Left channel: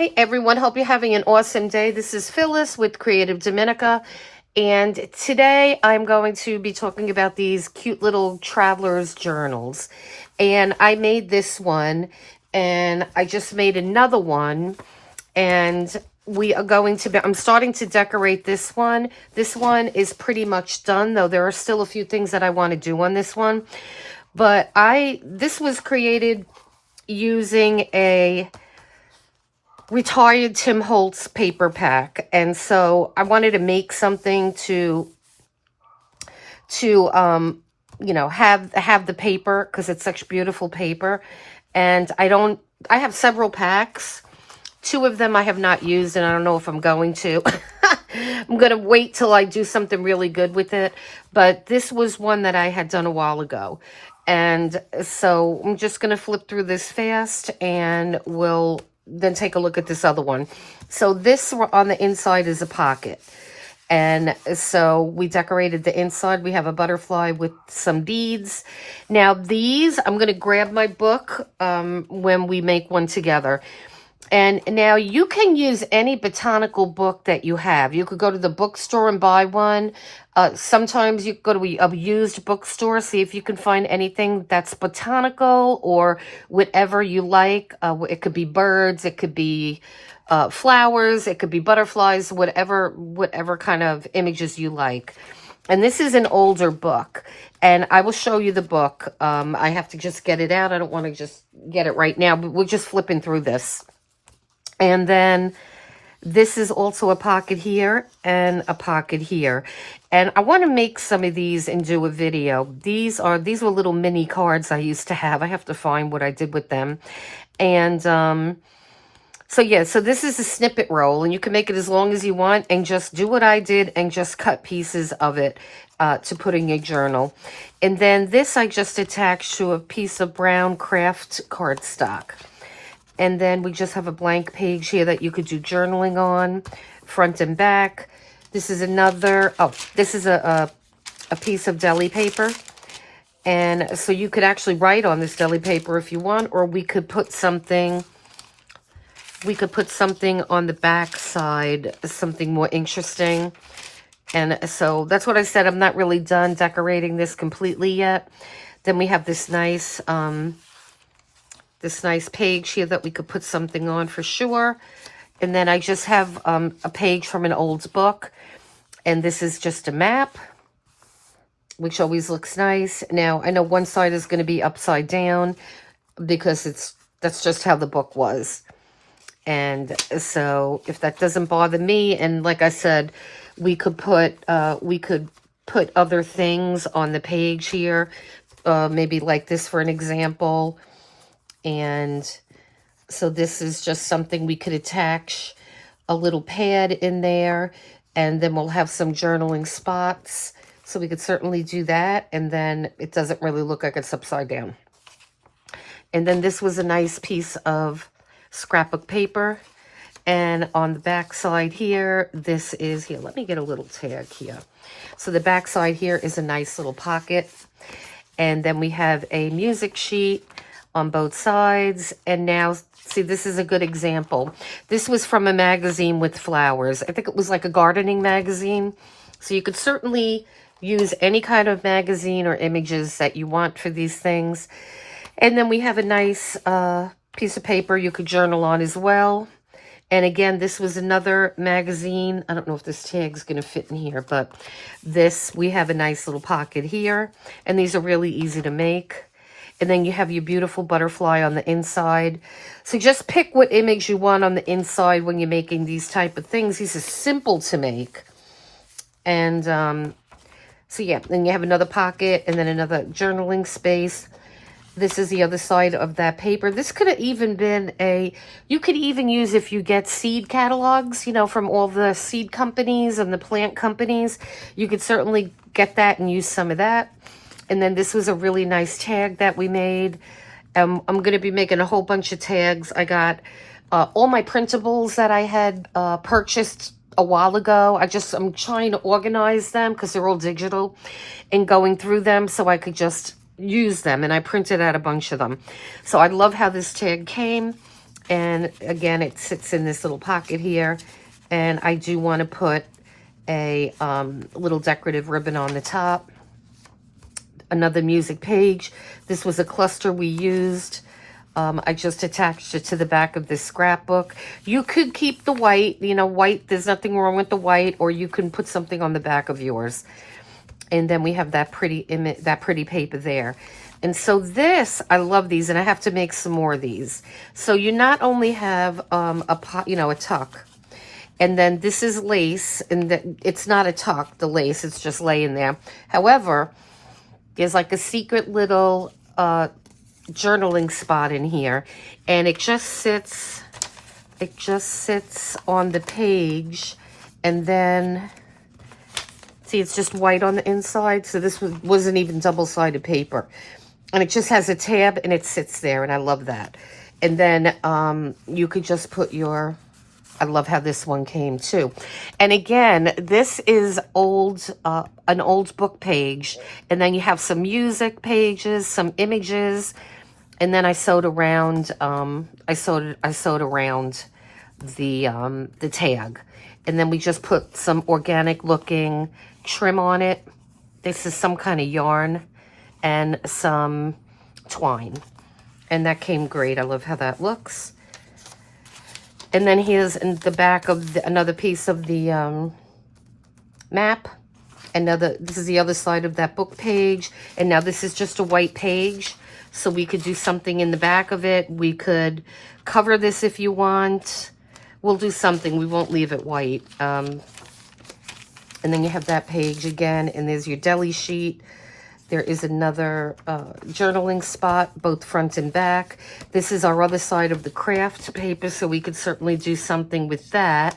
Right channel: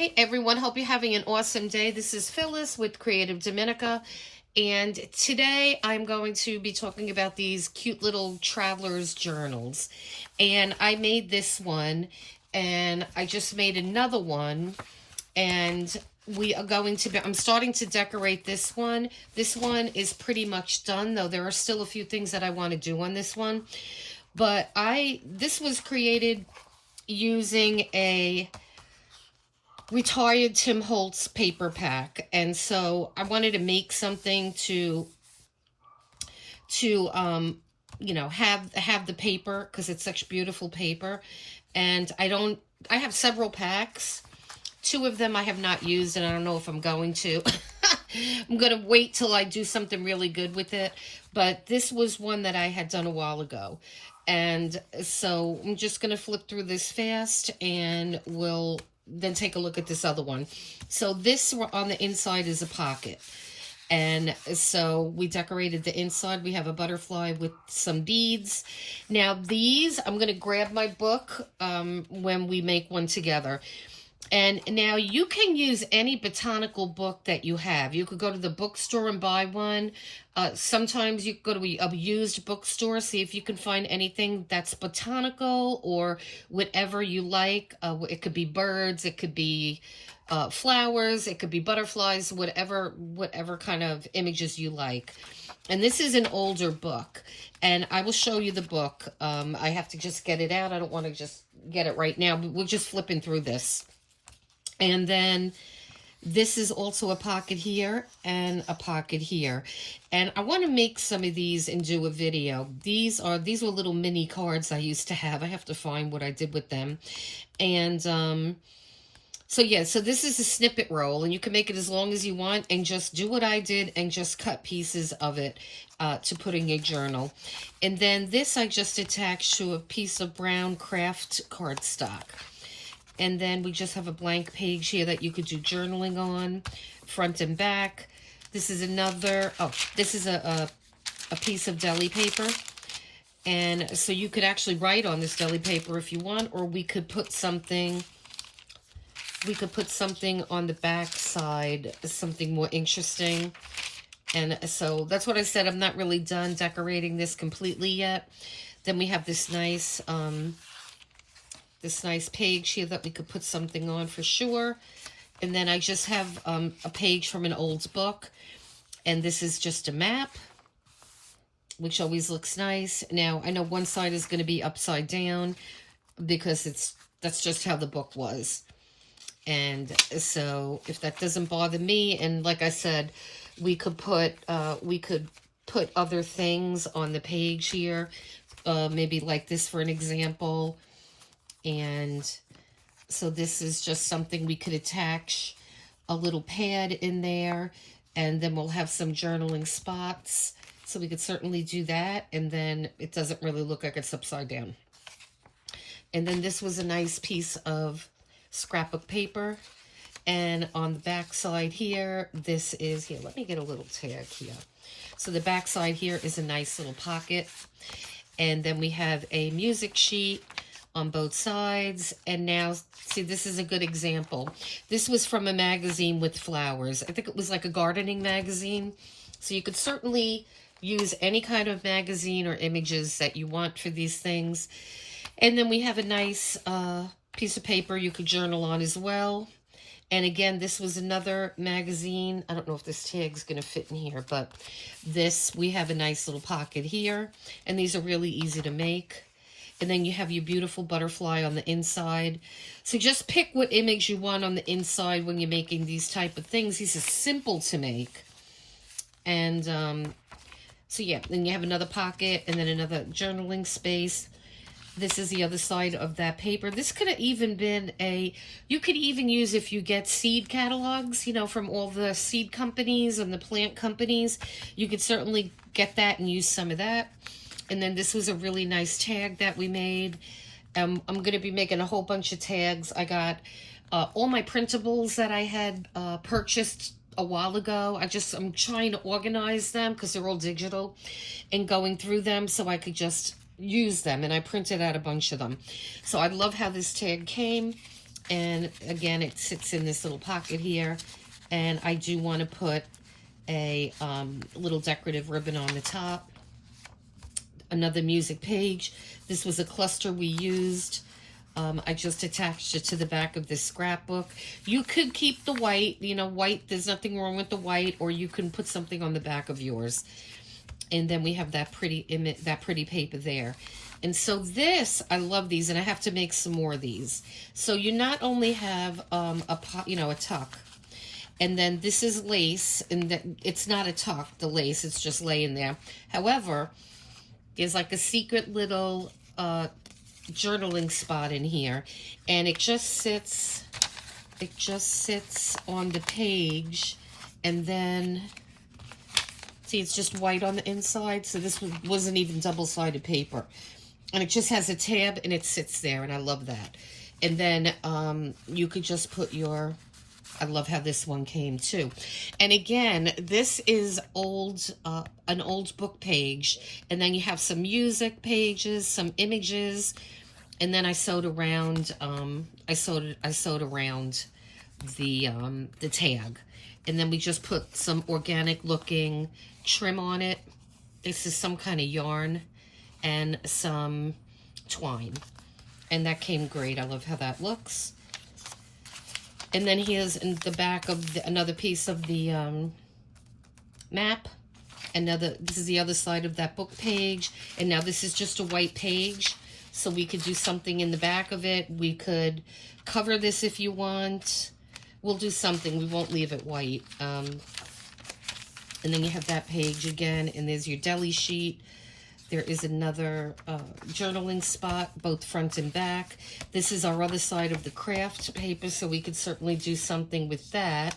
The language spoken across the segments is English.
Hey everyone, hope you're having an awesome day. This is Phyllis with CreativeDomenica, and today I'm going to be talking about these cute little traveler's journals. And I made this one, and I just made another one, and I'm starting to decorate this one. This one is pretty much done, though there are still a few things that I want to do on this one. But this was created using a retired Tim Holtz paper pack, and so I wanted to make something to have the paper, because it's such beautiful paper. And I have several packs. 2 of them I have not used, and I don't know if I'm going to. I'm going to wait till I do something really good with it. But this was one that I had done a while ago. And so I'm just going to flip through this fast, and we'll then take a look at this other one. So this on the inside is a pocket. And so we decorated the inside. We have a butterfly with some beads. Now these, I'm going to grab my book when we make one together. And now you can use any botanical book that you have. You could go to the bookstore and buy one. Sometimes you go to a used bookstore, see if you can find anything that's botanical or whatever you like. It could be birds, it could be flowers, it could be butterflies, whatever kind of images you like. And this is an older book, and I will show you the book. I have to just get it out. I don't want to just get it right now, but we're just flipping through this. And then this is also a pocket here and a pocket here. And I want to make some of these and do a video. These were little mini cards I used to have. I have to find what I did with them. And so this is a snippet roll, and you can make it as long as you want and just do what I did and just cut pieces of it to put in your journal. And then this I just attached to a piece of brown craft cardstock. And then we just have a blank page here that you could do journaling on, front and back. This is this is a piece of deli paper. And so you could actually write on this deli paper if you want, or we could put something on the back side, something more interesting. And so that's what I said. I'm not really done decorating this completely yet. Then we have this nice page here that we could put something on for sure. And then I just have a page from an old book. And this is just a map, which always looks nice. Now, I know one side is going to be upside down because that's just how the book was. And so if that doesn't bother me, and like I said, we could put other things on the page here, maybe like this for an example. And so this is just something we could attach a little pad in there, and then we'll have some journaling spots. So we could certainly do that, and then it doesn't really look like it's upside down. And then this was a nice piece of scrapbook paper. And on the back side here, let me get a little tag here. So the back side here is a nice little pocket. And then we have a music sheet on both sides. And now, see, this is a good example. This was from a magazine with flowers. I think it was like a gardening magazine. So you could certainly use any kind of magazine or images that you want for these things. And then we have a nice piece of paper you could journal on as well. And again, this was another magazine. I don't know if this tag's going to fit in here, but we have a nice little pocket here. And these are really easy to make. And then you have your beautiful butterfly on the inside. So just pick what image you want on the inside when you're making these type of things. These are simple to make. And so yeah, then you have another pocket and then another journaling space. This is the other side of that paper. This could have even been you could even use, if you get seed catalogs, from all the seed companies and the plant companies, you could certainly get that and use some of that. And then this was a really nice tag that we made. I'm going to be making a whole bunch of tags. I got all my printables that I had purchased a while ago. I'm trying to organize them because they're all digital, and going through them so I could just use them. And I printed out a bunch of them. So I love how this tag came. And again, it sits in this little pocket here. And I do want to put a little decorative ribbon on the top. Another music page. This was a cluster we used. I just attached it to the back of this scrapbook. You could keep the white, you know, white, there's nothing wrong with the white, or you can put something on the back of yours. And then we have that pretty image, that pretty paper there. And so this, I love these, and I have to make some more of these. So you not only have a tuck, and then this is lace, and it's not a tuck, the lace, it's just laying there. However, there's like a secret little journaling spot in here, and it just sits on the page, and then see, it's just white on the inside. So this wasn't even double-sided paper, and it just has a tab, and it sits there, and I love that. And then you could just put your, I love how this one came too. And again, this is an old book page, and then you have some music pages, some images, and then I sewed around I sewed around the tag. And then we just put some organic looking trim on it. This is some kind of yarn and some twine, and that came great. I love how that looks. And then here's in the back of another piece of the map. This is the other side of that book page. And now this is just a white page. So we could do something in the back of it. We could cover this if you want. We'll do something. We won't leave it white. And then you have that page again. And there's your deli sheet. There is another journaling spot, both front and back. This is our other side of the craft paper, so we could certainly do something with that.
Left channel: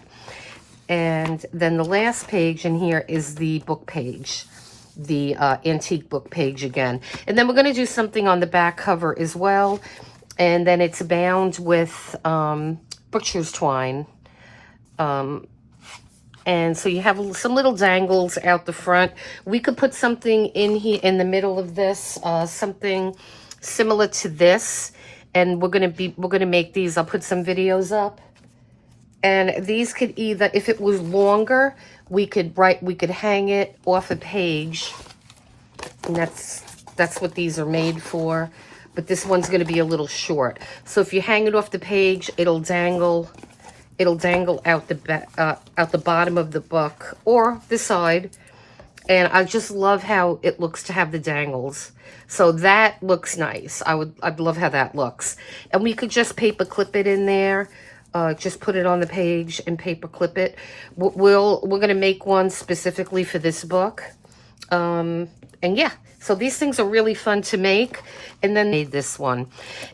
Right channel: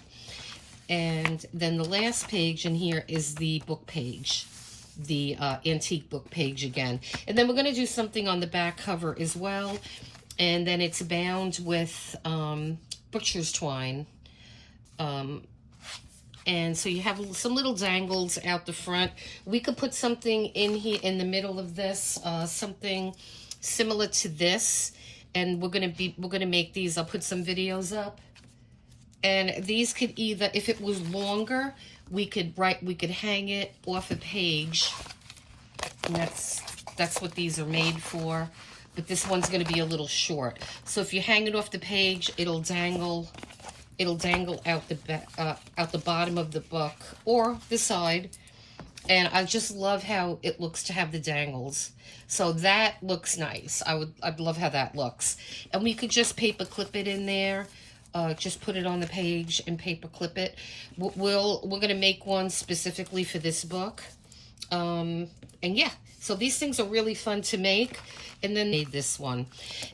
And then the last page in here is the book page, the antique book page again. And then we're going to do something on the back cover as well. And then it's bound with butcher's twine. And so you have some little dangles out the front. We could put something in here in the middle of this, something similar to this. And we're gonna make these. I'll put some videos up. And these could either, if it was longer, we could hang it off a page. And that's what these are made for. But this one's gonna be a little short. So if you hang it off the page, it'll dangle out the bottom of the book or the side. And I just love how it looks to have the dangles. So that looks nice. I'd love how that looks. And we could just paper clip it in there. Just put it on the page and paper clip it. We're gonna make one specifically for this book. And yeah, so these things are really fun to make. And then made this one.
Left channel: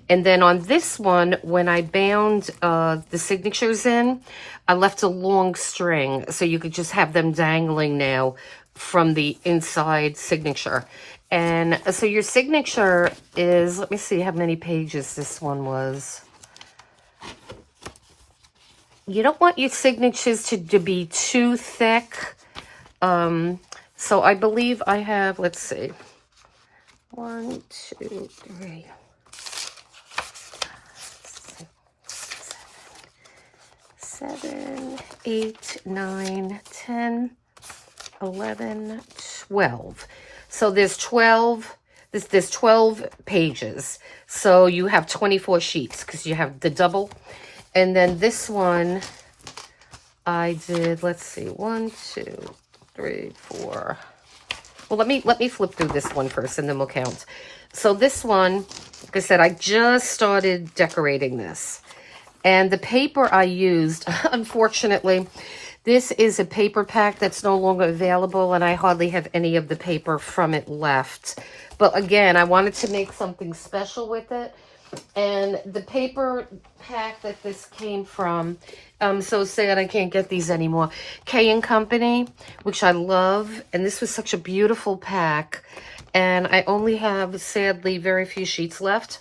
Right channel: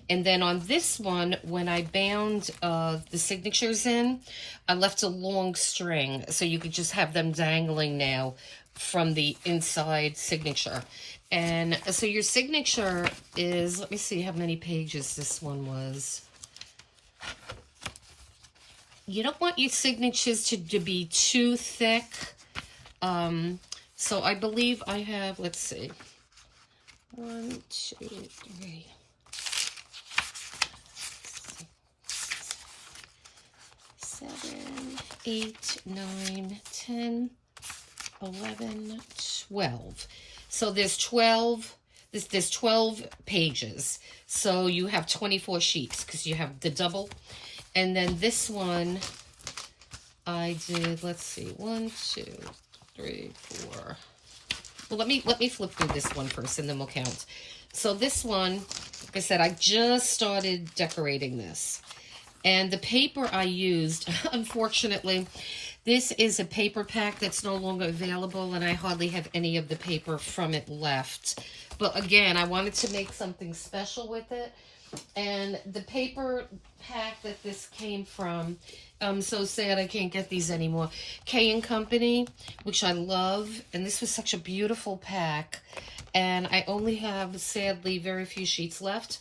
And then on this one, when I bound the signatures in, I left a long string so you could just have them dangling now from the inside signature. And so your signature is, let me see how many pages this one was. You don't want your signatures to be too thick. So I believe I have, let's see. 1, 2, 3, 7, 8, 9, 10, 11, 12. So there's 12. There's 12 pages. So you have 24 sheets because you have the double. And then this one, I did. Let's see, 1, 2, 3, 4. Well, let me flip through this one first, and then we'll count. So this one, like I said, I just started decorating this. And the paper I used, unfortunately, this is a paper pack that's no longer available, and I hardly have any of the paper from it left. But again, I wanted to make something special with it. And the paper pack that this came from, I'm so sad I can't get these anymore. K & Company, which I love. And this was such a beautiful pack. And I only have, sadly, very few sheets left.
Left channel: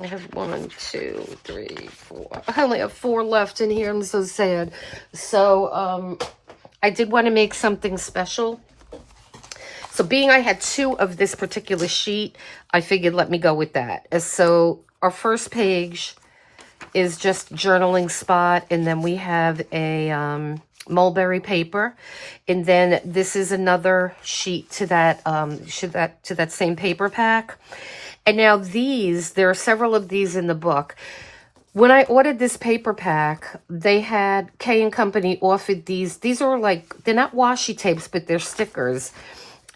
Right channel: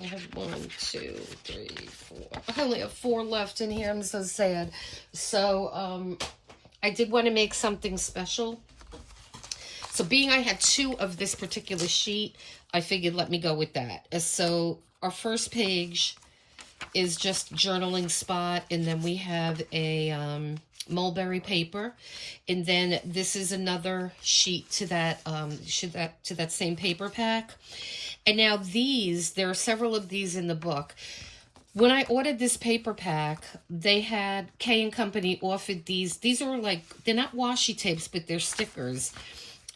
I have 1, 2, 3, 4. I only have 4 left in here. I'm so sad. So I did want to make something special. So being I had 2 of this particular sheet, I figured let me go with that. So our first page, is just journaling spot. And then we have a mulberry paper. And then this is another sheet to that, to that same paper pack. And now these, there are several of these in the book. When I ordered this paper pack, they had, K & Company offered these. These are like, they're not washi tapes, but they're stickers.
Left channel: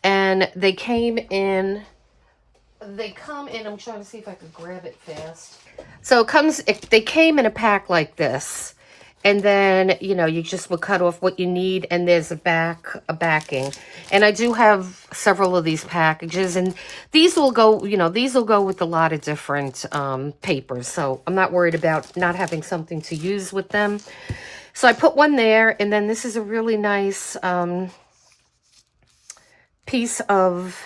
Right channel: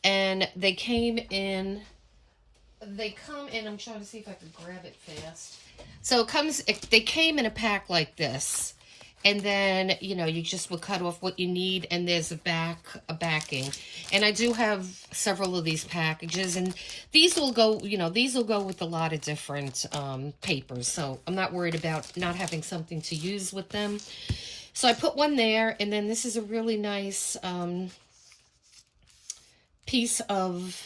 And they came in, I'm trying to see if I could grab it fast. So they came in a pack like this. And then, you know, you just will cut off what you need, and there's a backing. And I do have several of these packages, and these will go, you know, these will go with a lot of different papers. So I'm not worried about not having something to use with them. So I put one there, and then this is a really nice piece of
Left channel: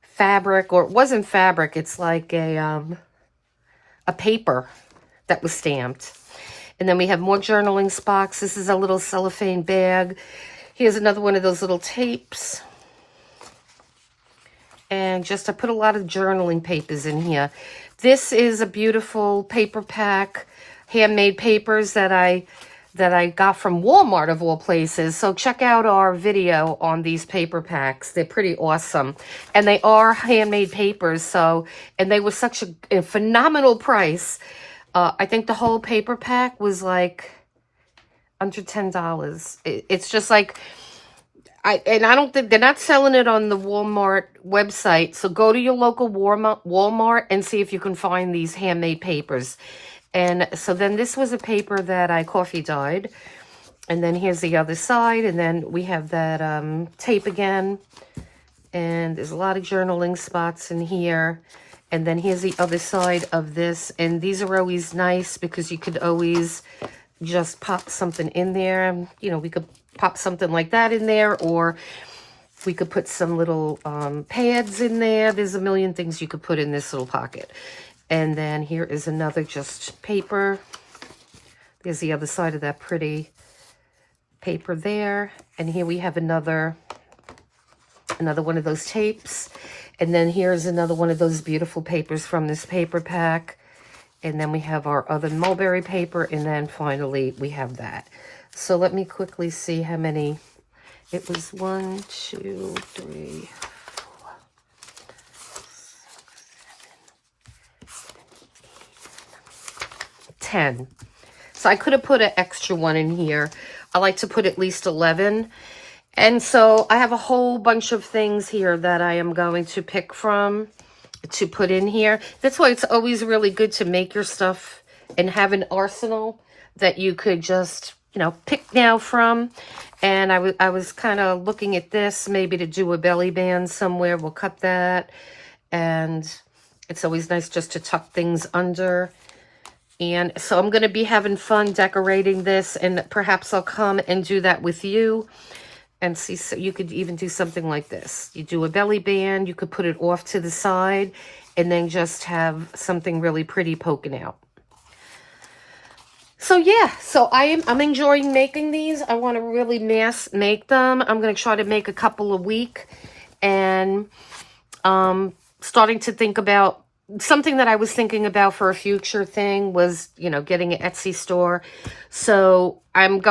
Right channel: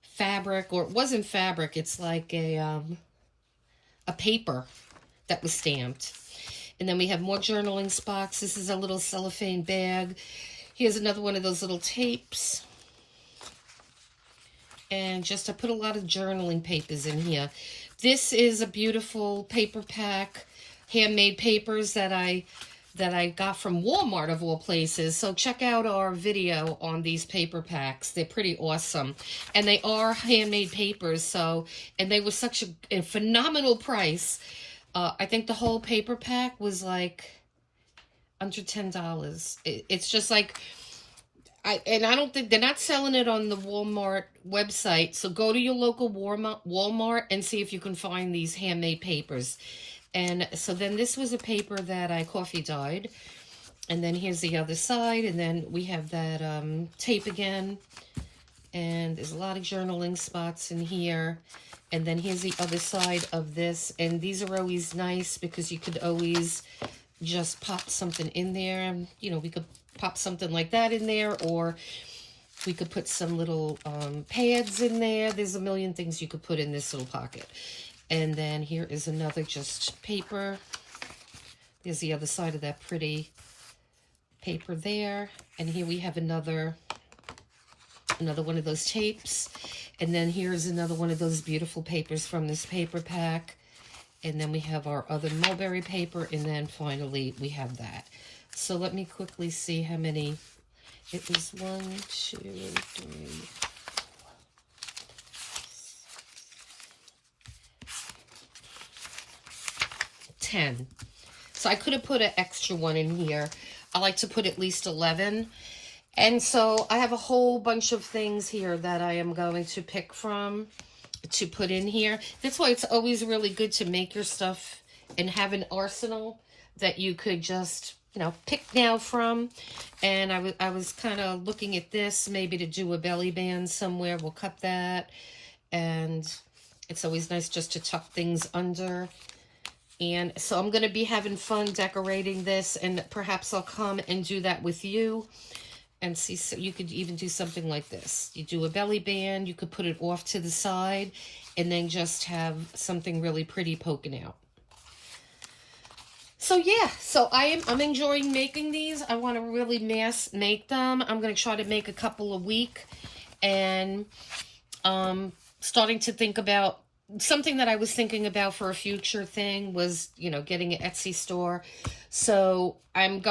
fabric, or it wasn't fabric, it's like a paper that was stamped. And then we have more journaling spots. This is a little cellophane bag. Here's another one of those little tapes. And just I put a lot of journaling papers in here. This is a beautiful paper pack, handmade papers that I got from Walmart of all places. So check out our video on these paper packs. They're pretty awesome. And they are handmade papers. So, and they were such a phenomenal price. I think the whole paper pack was like under $10. It's just like, I don't think, they're not selling it on the Walmart website. So go to your local Walmart and see if you can find these handmade papers. And so then this was a paper that I coffee dyed. And then here's the other side. And then we have that tape again. And there's a lot of journaling spots in here. And then here's the other side of this. And these are always nice because you could always just pop something in there. You know, we could pop something like that in there, or we could put some little pads in there. There's a million things you could put in this little pocket. And then here is another just paper. There's the other side of that pretty paper there. And here we have another one of those tapes. And then here's another one of those beautiful papers from this paper pack. And then we have our other mulberry paper. And then finally we have that. So let me quickly see how many. It was 1, 2, 3, 4, 10. So I could have put an extra one in here. I like to put at least 11. And so I have a whole bunch of things here that I am going to pick from to put in here. That's why it's always really good to make your stuff and have an arsenal that you could just, you know, pick now from. And I was kind of looking at this, maybe to do a belly band somewhere. We'll cut that. And it's always nice just to tuck things under. And so I'm going to be having fun decorating this, and perhaps I'll come and do that with you. And see, so you could even do something like this. You do a belly band, you could put it off to the side, and then just have something really pretty poking out. So yeah, so I'm enjoying making these. I want to really mass make them. I'm going to try to make a couple a week. And starting to think about something that I was thinking about for a future thing was, you know, getting an Etsy store. So I'm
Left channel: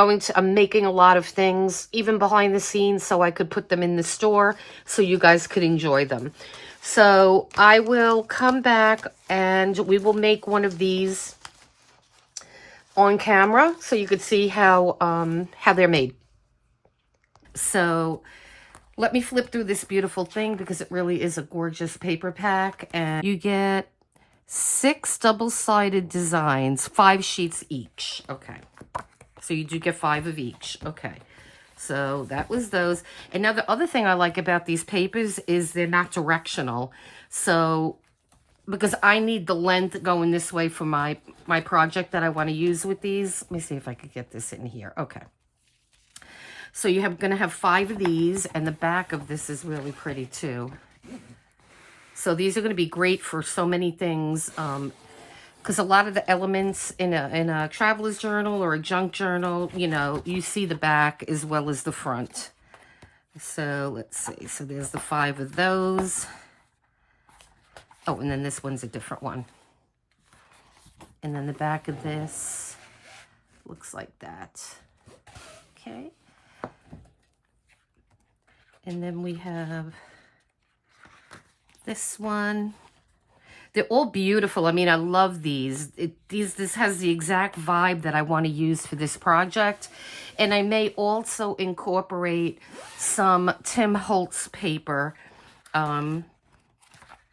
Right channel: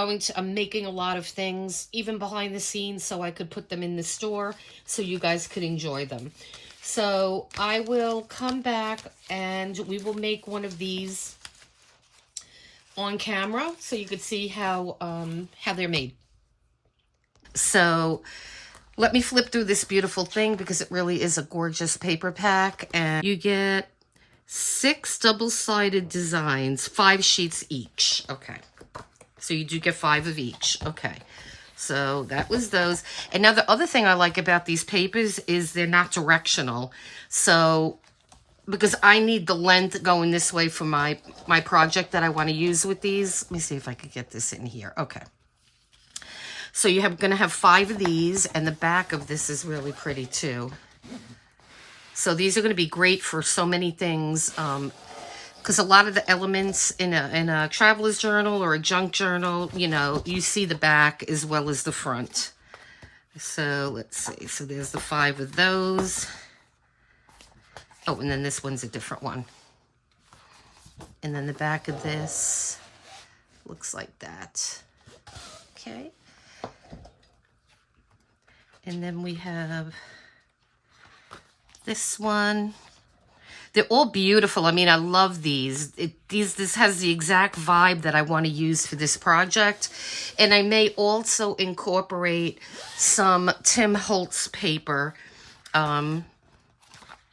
making a lot of things, even behind the scenes, so I could put them in the store so you guys could enjoy them. So I will come back and we will make one of these on camera so you could see how they're made. So let me flip through this beautiful thing because it really is a gorgeous paper pack. And you get 6 double-sided designs, 5 sheets each. Okay. So you do get 5 of each. Okay. So that was those. And now the other thing I like about these papers is they're not directional. So because I need the length going this way for my project that I want to use with these. Let me see if I could get this in here. Okay. So you're going to have 5 of these, and the back of this is really pretty too. So these are going to be great for so many things, because a lot of the elements in a traveler's journal or a junk journal, you know, you see the back as well as the front. So let's see. So there's the 5 of those. Oh, and then this one's a different one. And then the back of this looks like that. Okay. And then we have this one. They're all beautiful. I mean, I love these. This has the exact vibe that I want to use for this project. And I may also incorporate some Tim Holtz paper. I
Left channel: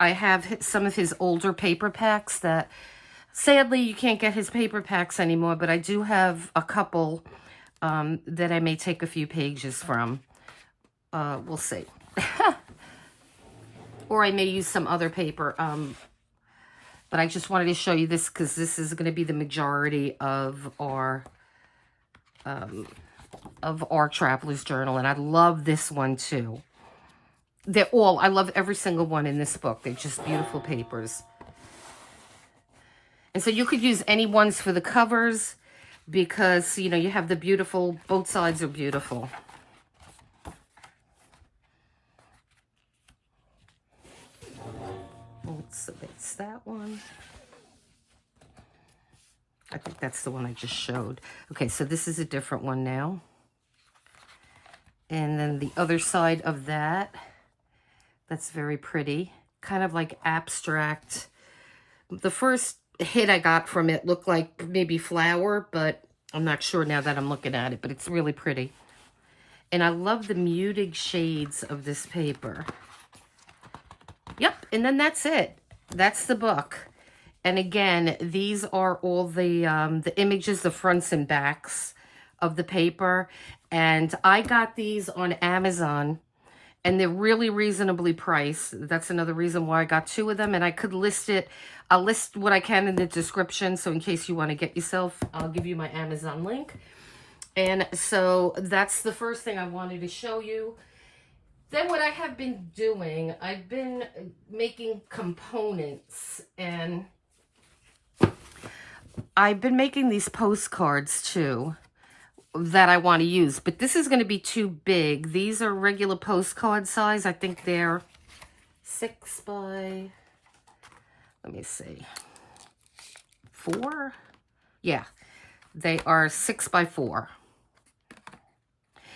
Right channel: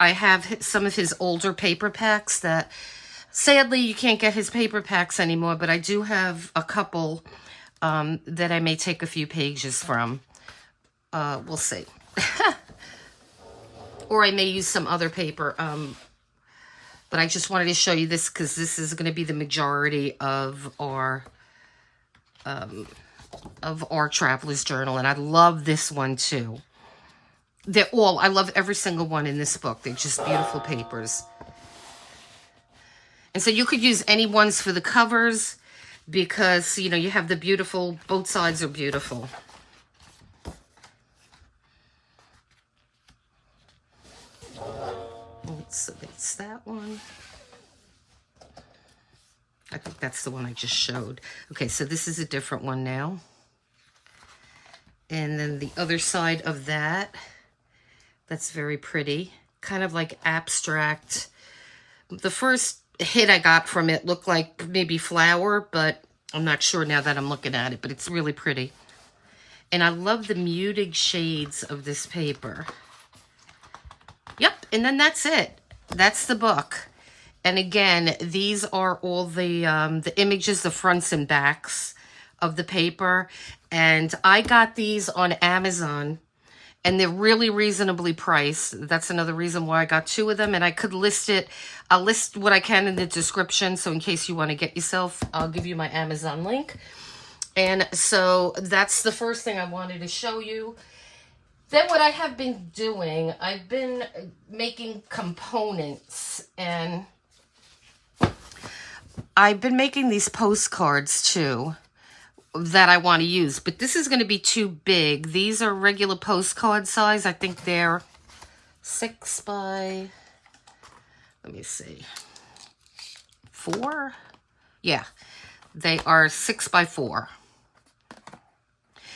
have some of his older paper packs that, sadly, you can't get his paper packs anymore, but I do have a couple that I may take a few pages from. We'll see. Or I may use some other paper. But I just wanted to show you this because this is going to be the majority of our Traveler's Journal. And I love this one too. I love every single one in this book. They're just beautiful papers. And so you could use any ones for the covers because, you know, you have the beautiful, both sides are beautiful. So that's that one. I think that's the one I just showed. Okay, so this is a different one now. And then the other side of that, that's very pretty. Kind of like abstract. The first hit I got from it looked like maybe flower, but I'm not sure now that I'm looking at it, but it's really pretty. And I love the muted shades of this paper. Yep, and then that's it. That's the book. And again, these are all the images, the fronts and backs of the paper. And I got these on Amazon, and they're really reasonably priced. That's another reason why I got 2 of them. And I could list it. I'll list what I can in the description. So in case you want to get yourself, I'll give you my Amazon link. And so that's the first thing I wanted to show you. Then what I have been doing, I've been making components, and I've been making these postcards too that I want to use, but this is going to be too big. These are regular postcard size. I think they're 6 by, let me see, 4? Yeah, they are 6 by 4.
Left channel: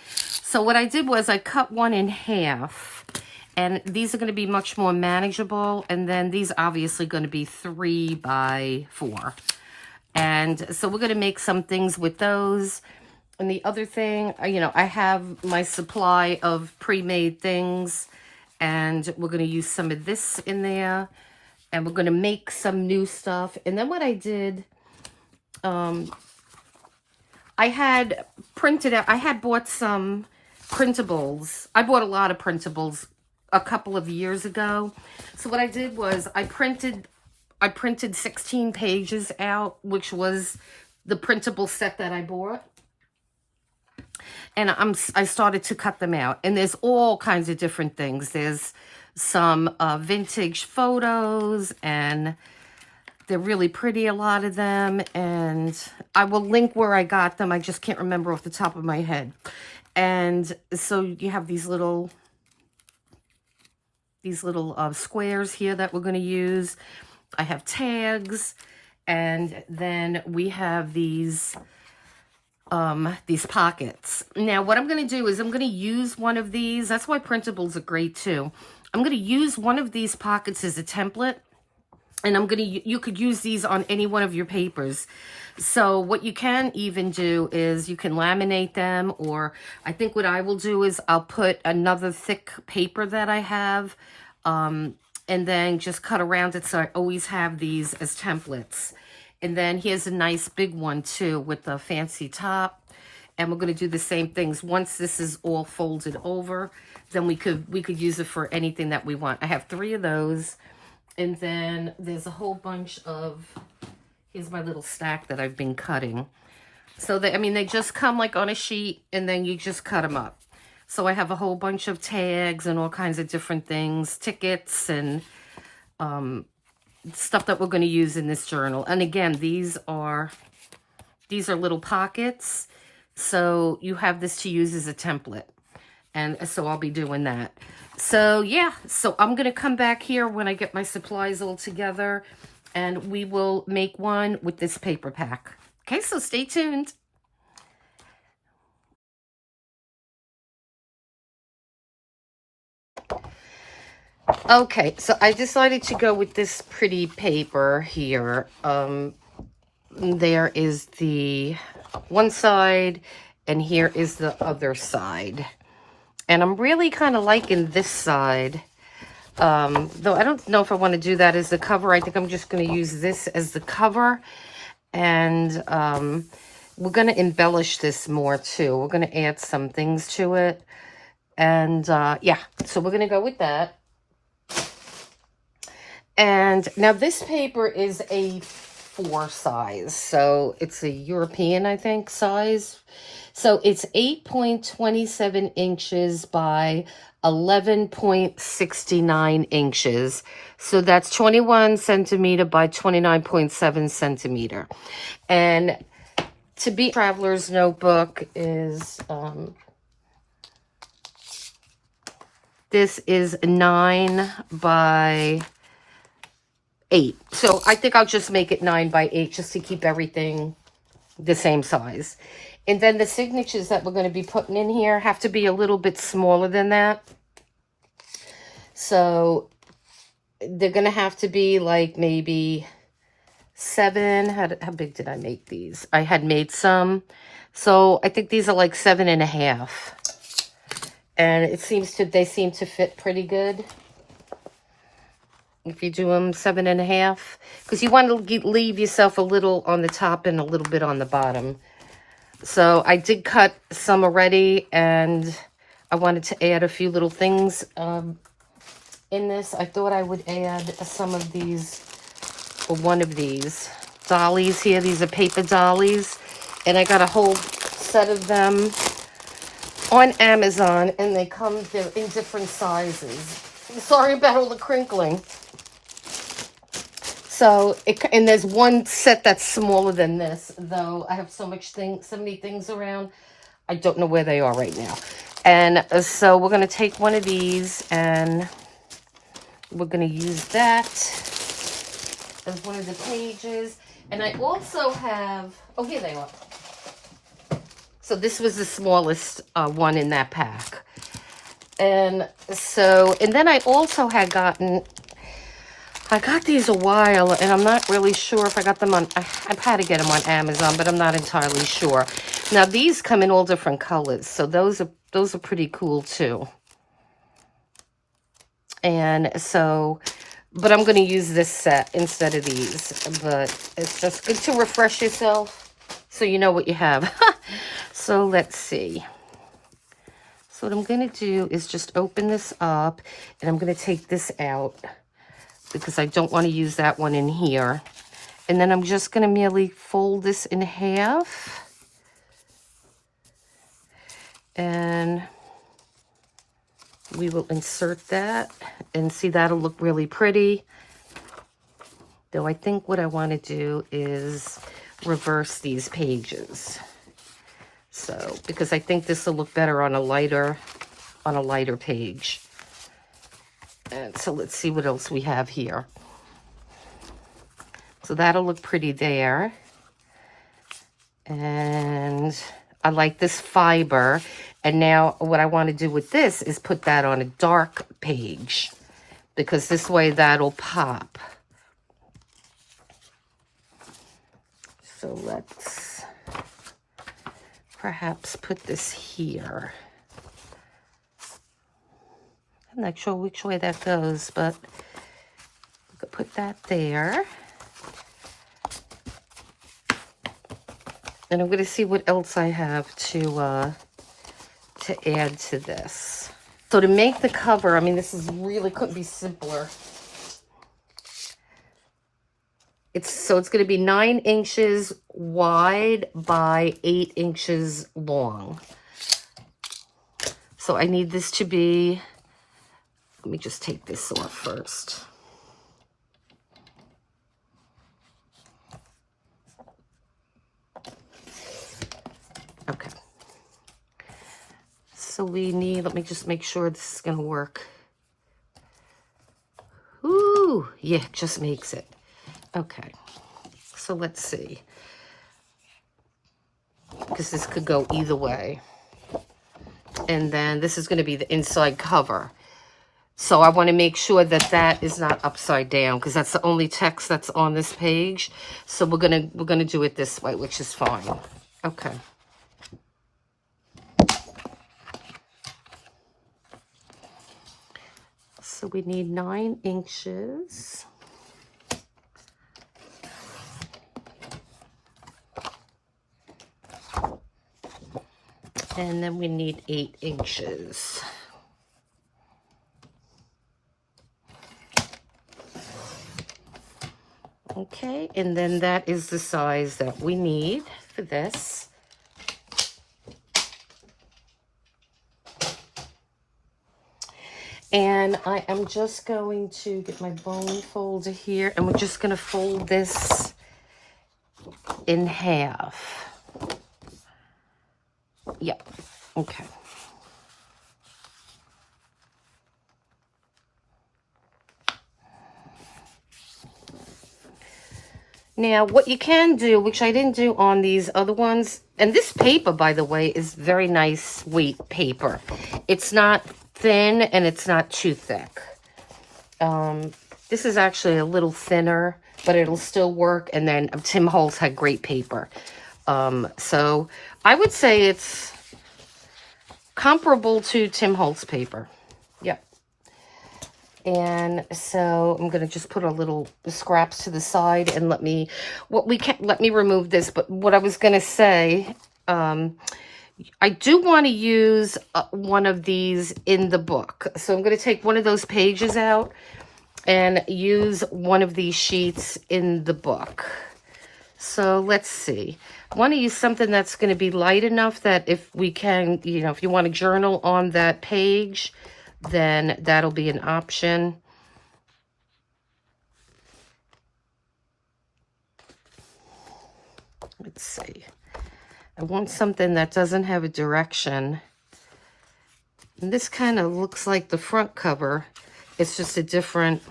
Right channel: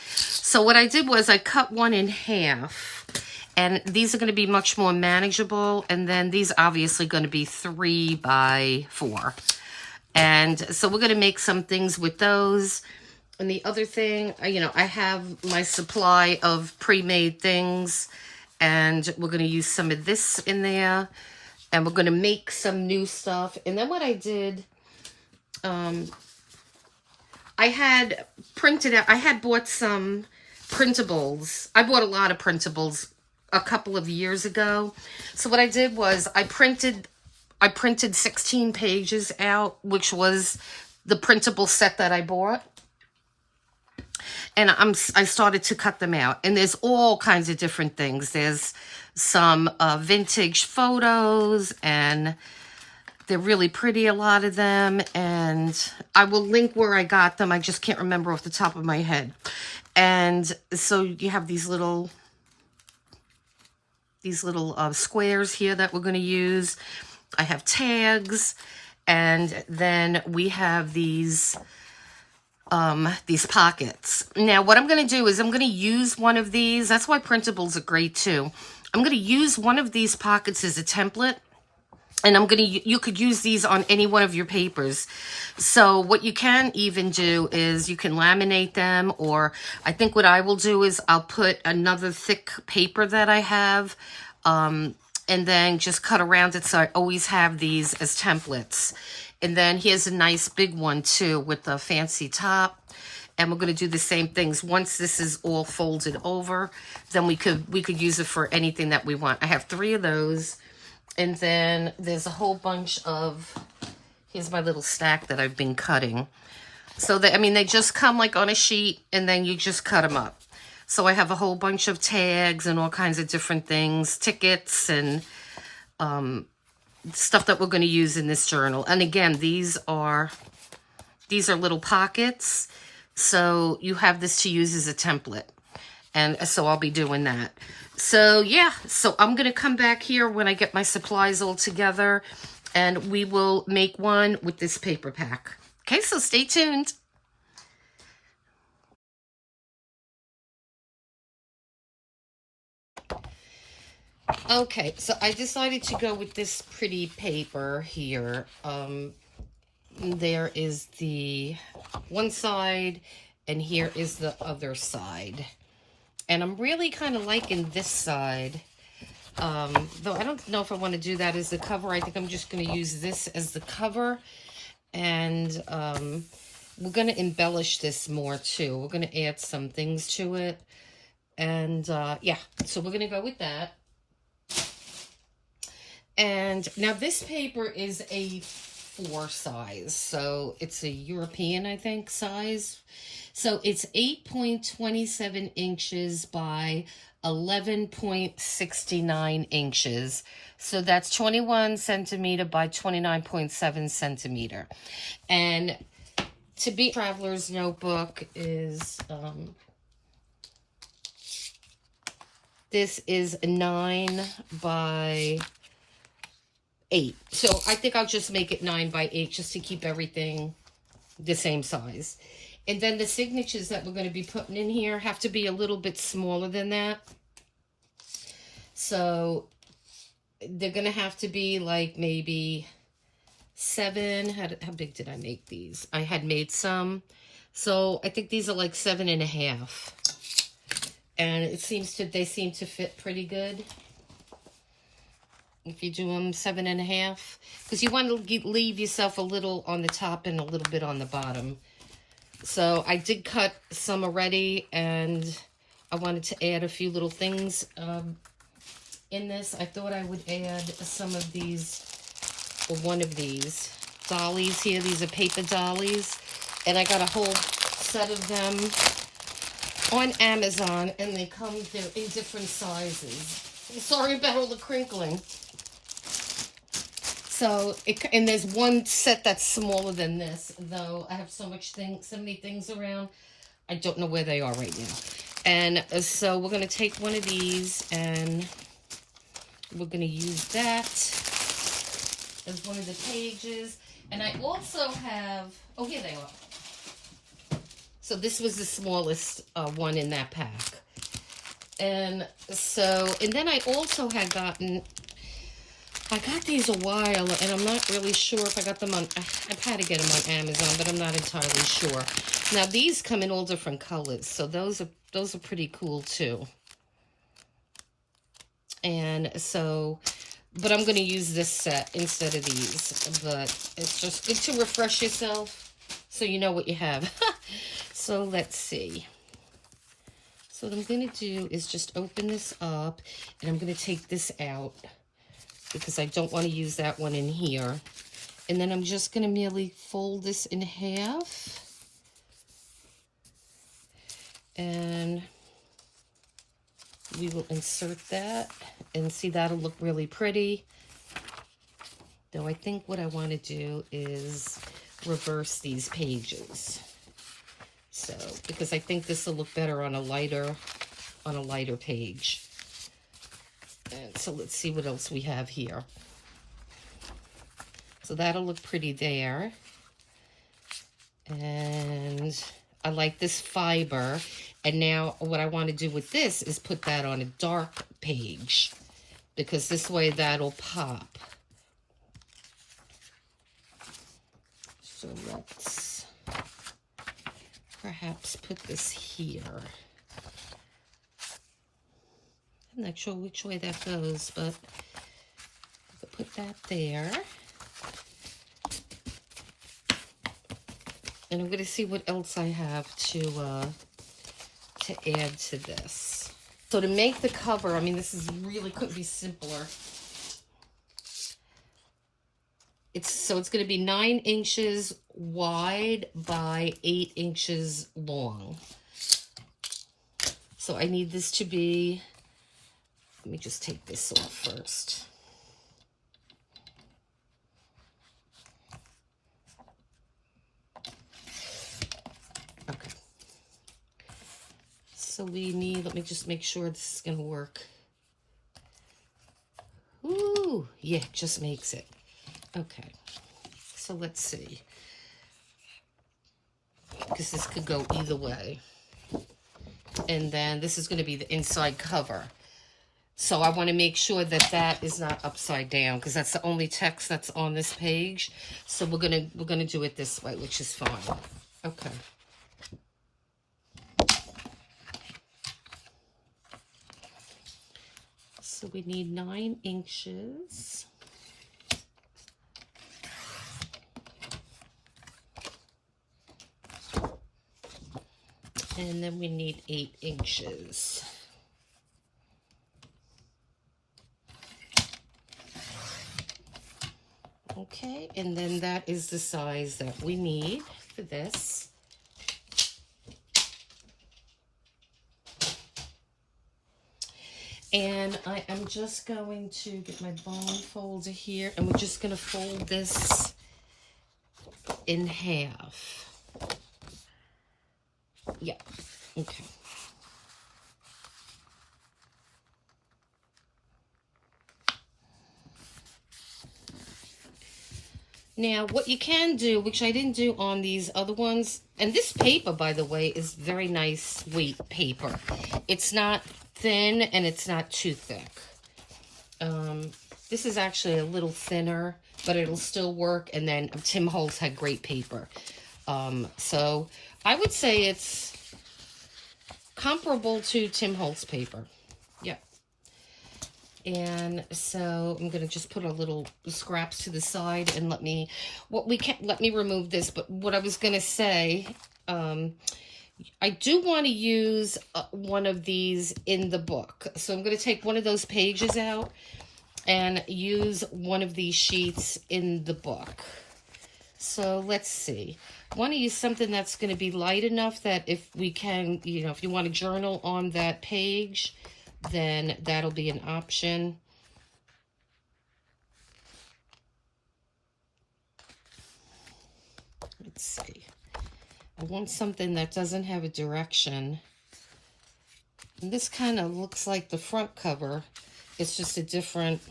So what I did was I cut one in half, and these are going to be much more manageable. And then these obviously going to be 3 by 4. And so we're going to make some things with those. And the other thing, you know, I have my supply of pre-made things, and we're going to use some of this in there, and we're going to make some new stuff. And then what I did, I had printed out, I had bought some printables. I bought a lot of printables a couple of years ago. So what I did was I printed 16 pages out, which was the printable set that I bought. And I started to cut them out. And there's all kinds of different things. There's some vintage photos, and they're really pretty, a lot of them. And I will link where I got them. I just can't remember off the top of my head. And so you have these little squares here that we're going to use. I have tags, and then we have these pockets. Now, what I'm going to do is I'm going to use one of these. That's why printables are great too. I'm going to use one of these pockets as a template. And you could use these on any one of your papers. So what you can even do is you can laminate them, or I think what I will do is I'll put another thick paper that I have, and then just cut around it so I always have these as templates. And then here's a nice big one too with the fancy top. And we're going to do the same things. Once this is all folded over, then we could use it for anything that we want. I have 3 of those. And then there's a whole bunch of, here's my little stack that I've been cutting. So they just come like on a sheet, and then you just cut them up. So I have a whole bunch of tags and all kinds of different things, tickets and stuff that we're going to use in this journal. And again, these are little pockets. So you have this to use as a template. And so I'll be doing that. So yeah, so I'm going to come back here when I get my supplies all together, And we will make one with this paper pack. Okay, so stay tuned. Okay, so I decided to go with this pretty paper here. There is the one side, and here is the other side. And I'm really kind of liking this side. Though I don't know if I want to do that as the cover. I think I'm just going to use this as the cover. And we're going to embellish this more too. We're going to add some things to it. And yeah, so we're going to go with that. And now this paper is a 4 size. So it's a European, I think, size. So it's 8.27 inches by 11.69 inches. So that's 21 centimeter by 29.7 centimeter. And to be Traveler's Notebook is, this is 9 by 8. So I think I'll just make it 9 by 8 just to keep everything the same size. And then the signatures that we're going to be putting in here have to be a little bit smaller than that. So they're going to have to be like maybe 7. How big did I make these? I had made some. So I think these are like 7.5. And they seem to fit pretty good. If you do them 7.5. Because you want to leave yourself a little on the top and a little bit on the bottom. So I did cut some already, and I wanted to add a few little things in this. I thought I would add some of these, or one of these dollies here. These are paper dollies, and I got a whole set of them on Amazon, and they come in different sizes. Sorry about all the crinkling. So, and there's one set that's smaller than this, though I have so many things around, I don't know where they are right now. And so we're going to take one of these, and we're going to use that as one of the pages. And I also have, oh, here they are. So this was the smallest one in that pack. And so, and then I also had I got these a while, and I'm not really sure if I got them on, I've had to get them on Amazon, but I'm not entirely sure. Now, these come in all different colors, so those are pretty cool, too. And so, but I'm going to use this set instead of these, but it's just good to refresh yourself so you know what you have. So, let's see. So, what I'm going to do is just open this up, and I'm going to take this out, because I don't want to use that one in here. And then I'm just going to merely fold this in half. And we will insert that. And see, that'll look really pretty. Though I think what I want to do is reverse these pages. So, because I think this will look better on a lighter page. And so let's see what else we have here. So that'll look pretty there. And I like this fiber. And now what I want to do with this is put that on a dark page, because this way that'll pop. So let's perhaps put this here. I'm not sure which way that goes, but we could put that there. And I'm going to see what else I have to add to this. So to make the cover, I mean, this is really couldn't be simpler. It's going to be 9 inches wide by 8 inches long. So I need this to be, let me just take this off first. Okay. So we need, let me just make sure this is going to work. Ooh, yeah, just makes it. Okay, so let's see. Because this could go either way. And then this is going to be the inside cover. So I want to make sure that that is not upside down, because that's the only text that's on this page. So we're gonna do it this way, which is fine. Okay. So we need 9 inches. And then we need 8 inches. Okay, and then that is the size that we need for this. And I am just going to get my bone folder here, and we're just going to fold this in half. Yep, okay. Now, what you can do, which I didn't do on these other ones, and this paper, by the way, is very nice weight paper. It's not thin and it's not too thick. This is actually a little thinner, but it'll still work. And then Tim Holtz had great paper. So I would say it's comparable to Tim Holtz paper. Yep. And so I'm going to just put a little scraps to the side and let me remove this. But what I was going to say, I do want to use one of these in the book. So I'm going to take one of those pages out and use one of these sheets in the book. So let's see. I want to use something that's going to be light enough that if we can, if you want to journal on that page, then that'll be an option. Let's see. I want something that doesn't have a direction. And this kind of looks like the front cover. It's just a different,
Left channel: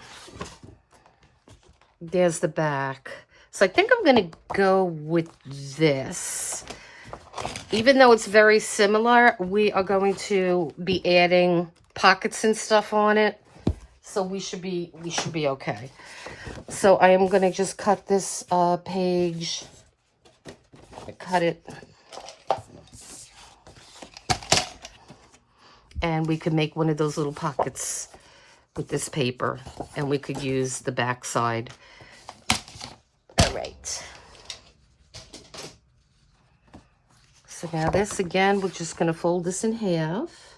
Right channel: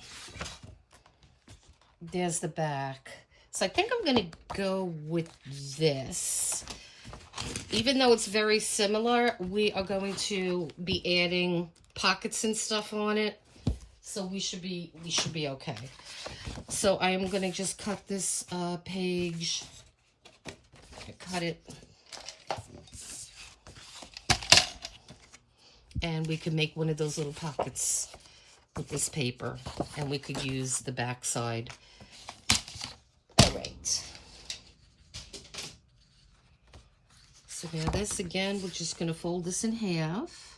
there's the back. So I think I'm going to go with this. Even though it's very similar, we are going to be adding pockets and stuff on it. So we should be okay. So I am going to just cut this page. Cut it. And we could make one of those little pockets with this paper, and we could use the back side. Right. So now this again, we're just going to fold this in half.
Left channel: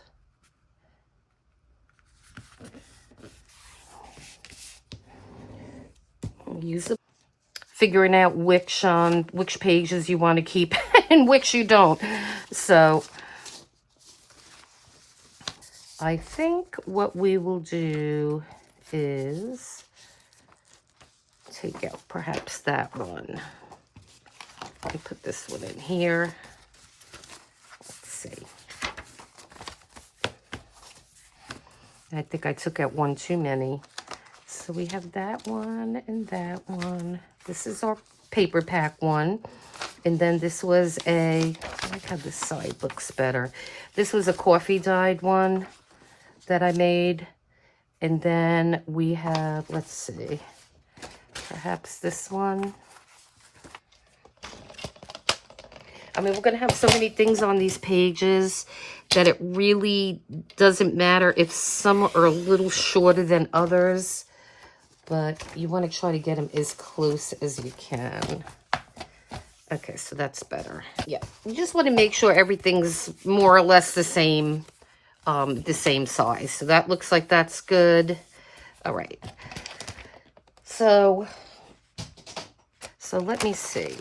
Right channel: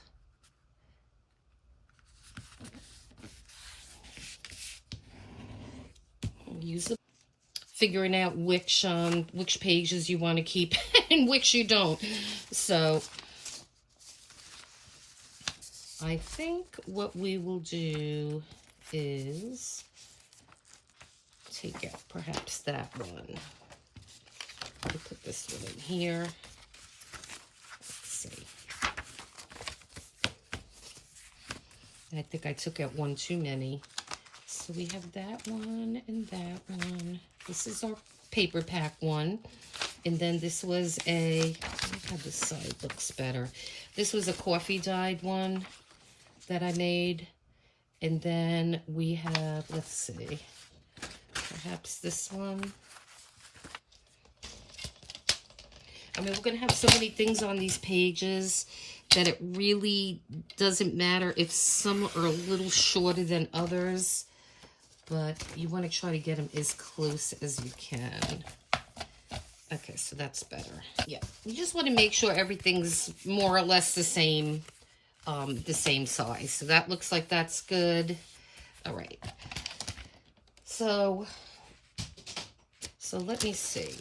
Use the figuring out which pages you want to keep and which you don't. So I think what we will do is take out perhaps that one. I put this one in here. Let's see. I think I took out one too many. So we have that one and that one. This is our paper pack one. And then this was I like how this side looks better. This was a coffee dyed one that I made. And then we have, let's see, perhaps this one. I mean, we're going to have so many things on these pages that it really doesn't matter if some are a little shorter than others. But you want to try to get them as close as you can. Okay, so that's better. Yeah, you just want to make sure everything's more or less the same size. So that looks like that's good. All right. So let me see.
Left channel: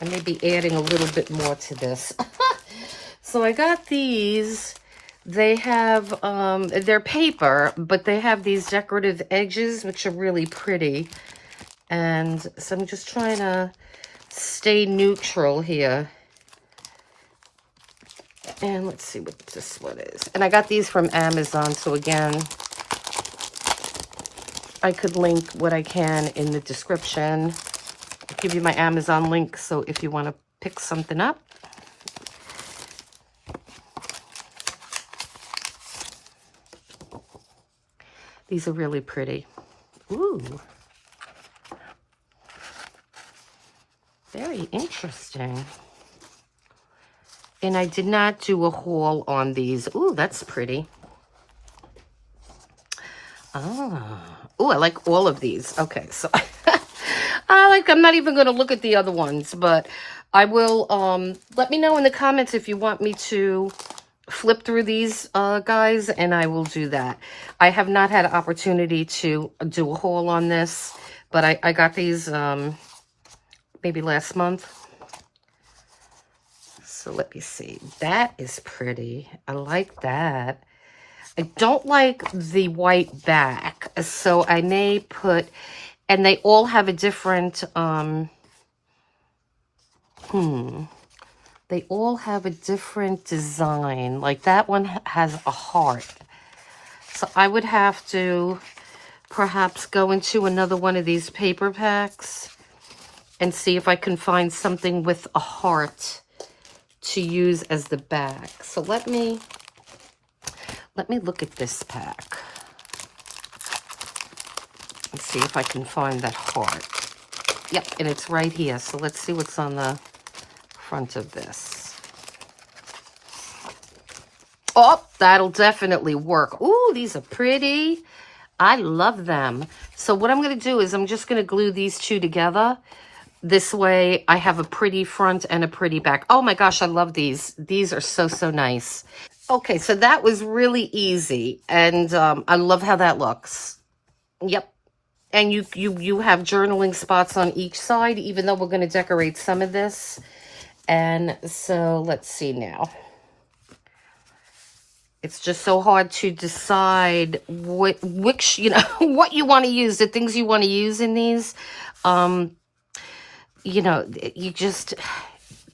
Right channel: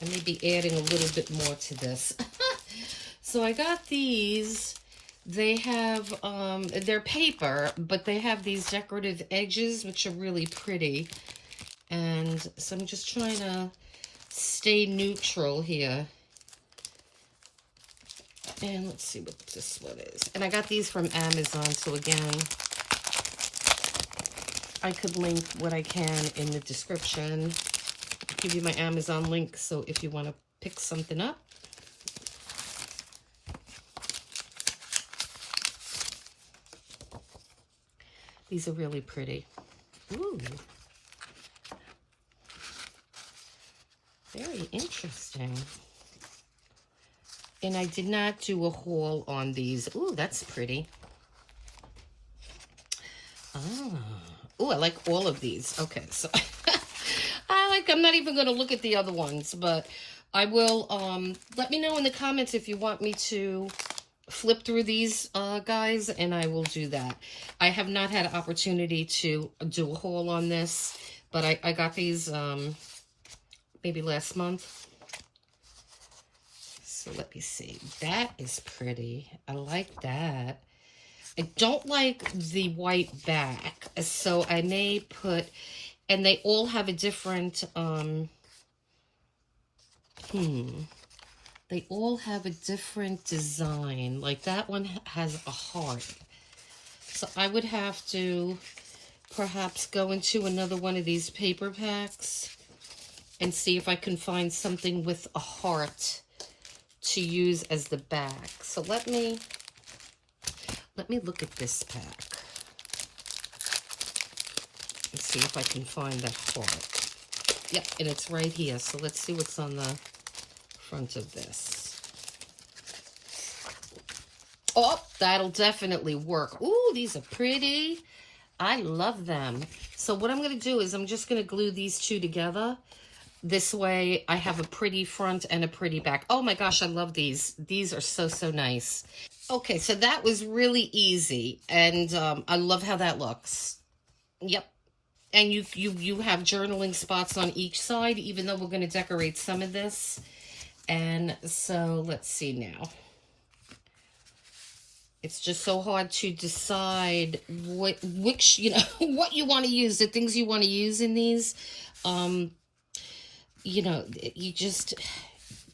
I may be adding a little bit more to this. So I got these. They have, they're paper, but they have these decorative edges, which are really pretty. And so I'm just trying to stay neutral here. And let's see what this one is. And I got these from Amazon, so again, I could link what I can in the description. I'll give you my Amazon link, so if you want to pick something up. These are really pretty. Ooh. Very interesting. And I did not do a haul on these. Ooh, that's pretty. Oh, I like all of these. Okay, so I'm not even going to look at the other ones, but I will, let me know in the comments if you want me to flip through these guys, and I will do that. I have not had an opportunity to do a haul on this, but I got these maybe last month. So let me see. That is pretty. I like that. I don't like the white back, so I may put, and they all have a different, they all have a different design. Like that one has a heart. So I would have to perhaps go into another one of these paper packs and see if I can find something with a heart to use as the back. So let me look at this pack and see if I can find that heart. Yep, and it's right here. So let's see what's on the front of this. Oh, that'll definitely work. Ooh, these are pretty. I love them. So what I'm going to do is I'm just going to glue these two together. This way I have a pretty front and a pretty back. Oh my gosh, I love these. These are so, so nice. Okay, so that was really easy, and I love how that looks. Yep, and you have journaling spots on each side, even though we're going to decorate some of this. And so let's see now. It's just so hard to decide which you know, what you want to use, the things you want to use in these. You know,